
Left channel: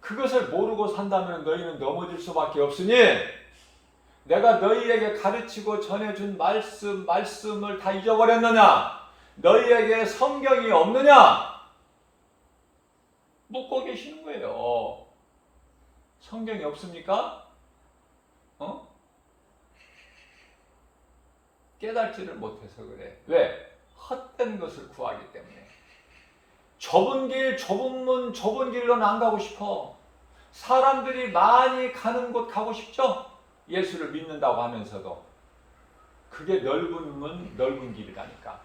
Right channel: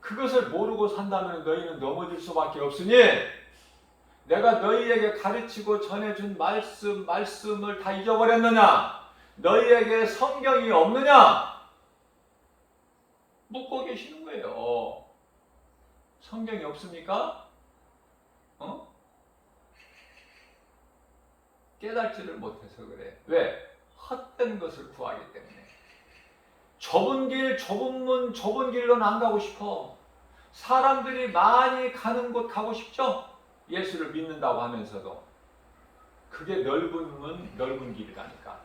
그것을 모르고 산다면 너희는 넘어질 수밖에 없으니, 내가 너희에게 가르치고 전해준 말씀을 다 잊어버렸느냐? 너희에게 성경이 없느냐? 묻고 계시는 거예요. 성경이 없습니까? 깨닫지를 못해서 그래. 왜? 헛된 것을 구하기 때문에. 좁은 길, 좁은 문, 좁은 길로는 안 가고 싶어. 사람들이 많이 가는 곳 가고 싶죠? 예수를 믿는다고 하면서도. 그게 넓은 문, 넓은 길이라니까.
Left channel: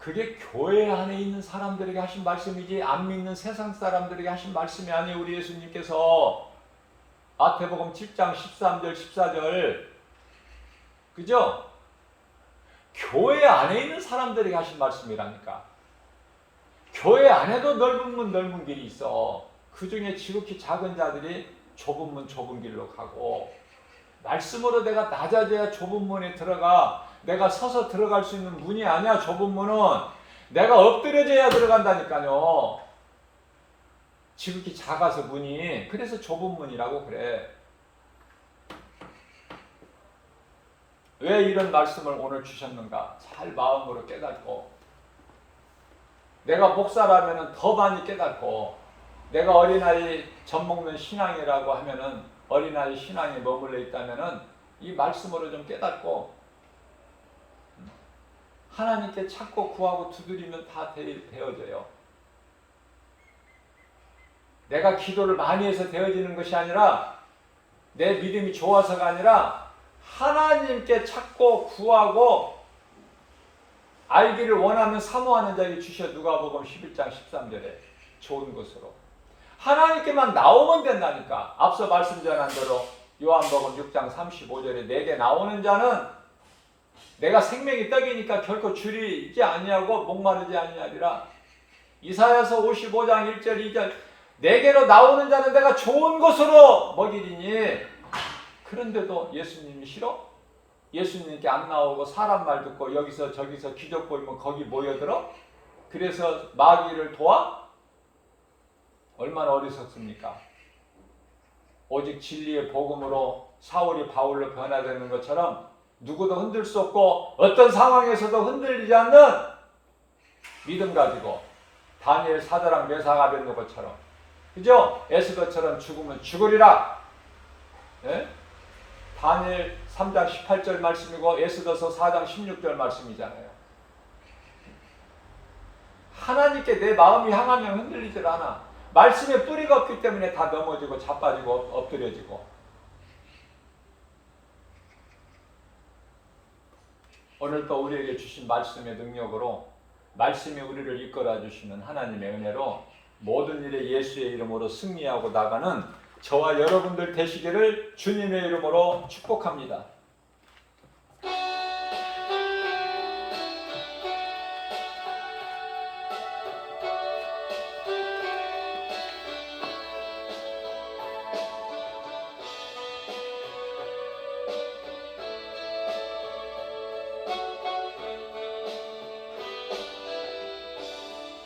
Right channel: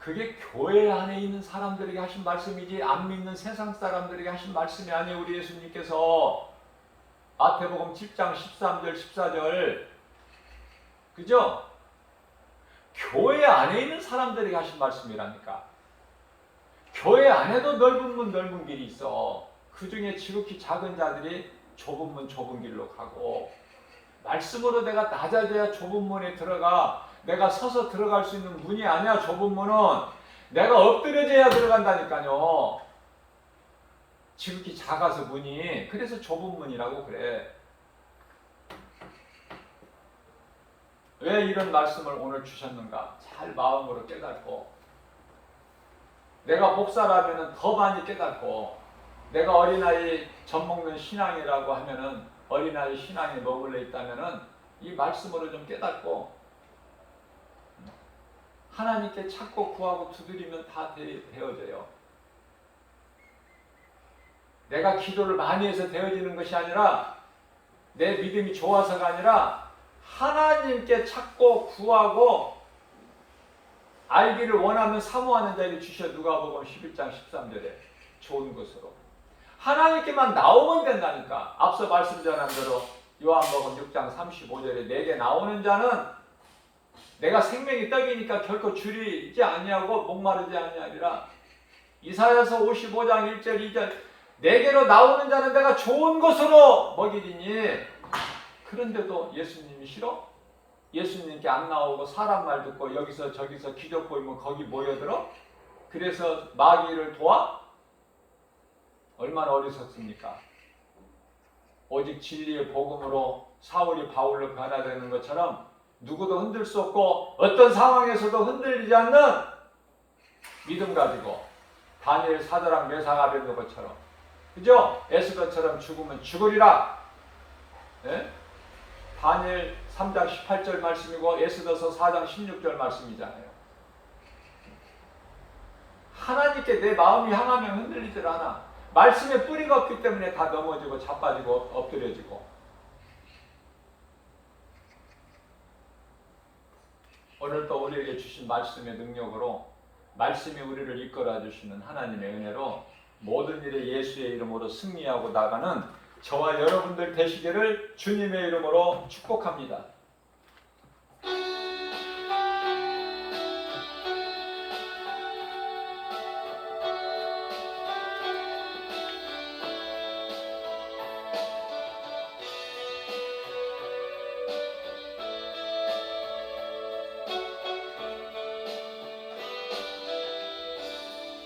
그게 교회 안에 있는 사람들에게 하신 말씀이지 안 믿는 세상 사람들에게 하신 말씀이 아니에요. 우리 예수님께서 마태복음 10장 13절 14절, 그죠? 교회 안에 있는 사람들에게 하신 말씀이라니까. 교회 안에도 넓은 문 넓은 길이 있어. 그 중에 지극히 작은 자들이 좁은 문 좁은 길로 가고, 말씀으로 내가 낮아져야 좁은 문에 들어가. 내가 서서 들어갈 수 있는 문이 아니야. 좁은 문은 내가 엎드려져야 들어간다니까요. 지극히 작아서 문이. 그래서 좁은 문이라고 그래. 왜 이런 말씀을 오늘 주셨는가? 잘 마음으로 깨닫고, 내가 목사라면 더 많이 깨닫고, 내가 어린아이 젖먹는 신앙이라고 하면은, 어린아이 신앙에 머물러 있다면은 이 말씀으로 좀 깨닫고, 하나님께 찾고 구하고 두드리면 다 되어져요. 내가 기도를 많이 해서 되어지는 것이 아니라 내 믿음이 좋아서가 아니라 하나님께 찾고 구하고 알기를 원하면 사모하는 자에게 주셔. 누가복음 11장 13절에 좋은 것으로 하나님께만 나오면 된다니까. 앞서 말씀 전한 대로 요한복음 6장 35절에 내게 나오는 자는 내가 생명이 떡이니까 결코 줄이지 아니하고 목마르지 아니하리라. 이사야서 55장 1절 2절 내게로 나오는 자는 내가 좋은 것으로 먹이리니. 그런데도 예수님이 싫어? 예수님께 안 나오고 사람 말 듣고 여기서 저기서 기적 보이면 거기 모여들어? 그래서 마귀를 도와? 얼마나 어리석습니까? 오직 진리의 복음으로 사울이 바울로 변화되는 것처럼 누구도 흔들 수 없고 어떤 상황에서도 흔들리지 않는 믿음 가지고 다니엘, 사드락, 메삭, 아벳느고처럼, 그죠? 에스더처럼 죽으면 죽으리라. 예? 다니엘 3장 18절 말씀이고 에스더서 4장 16절 말씀이잖아요. 하나님께 내 마음이 향하면 흔들리질 않아. 말씀에 뿌리가 없기 때문에 다 넘어지고 자빠지고 엎드려지고. 오늘 또 우리에게 주신 말씀의 능력으로 말씀이 우리를 이끌어 주시는 하나님의 은혜로 모든 일에 예수의 이름으로 승리하고 나가는 저와 여러분들 되시기를 주님의 이름으로 축복합니다.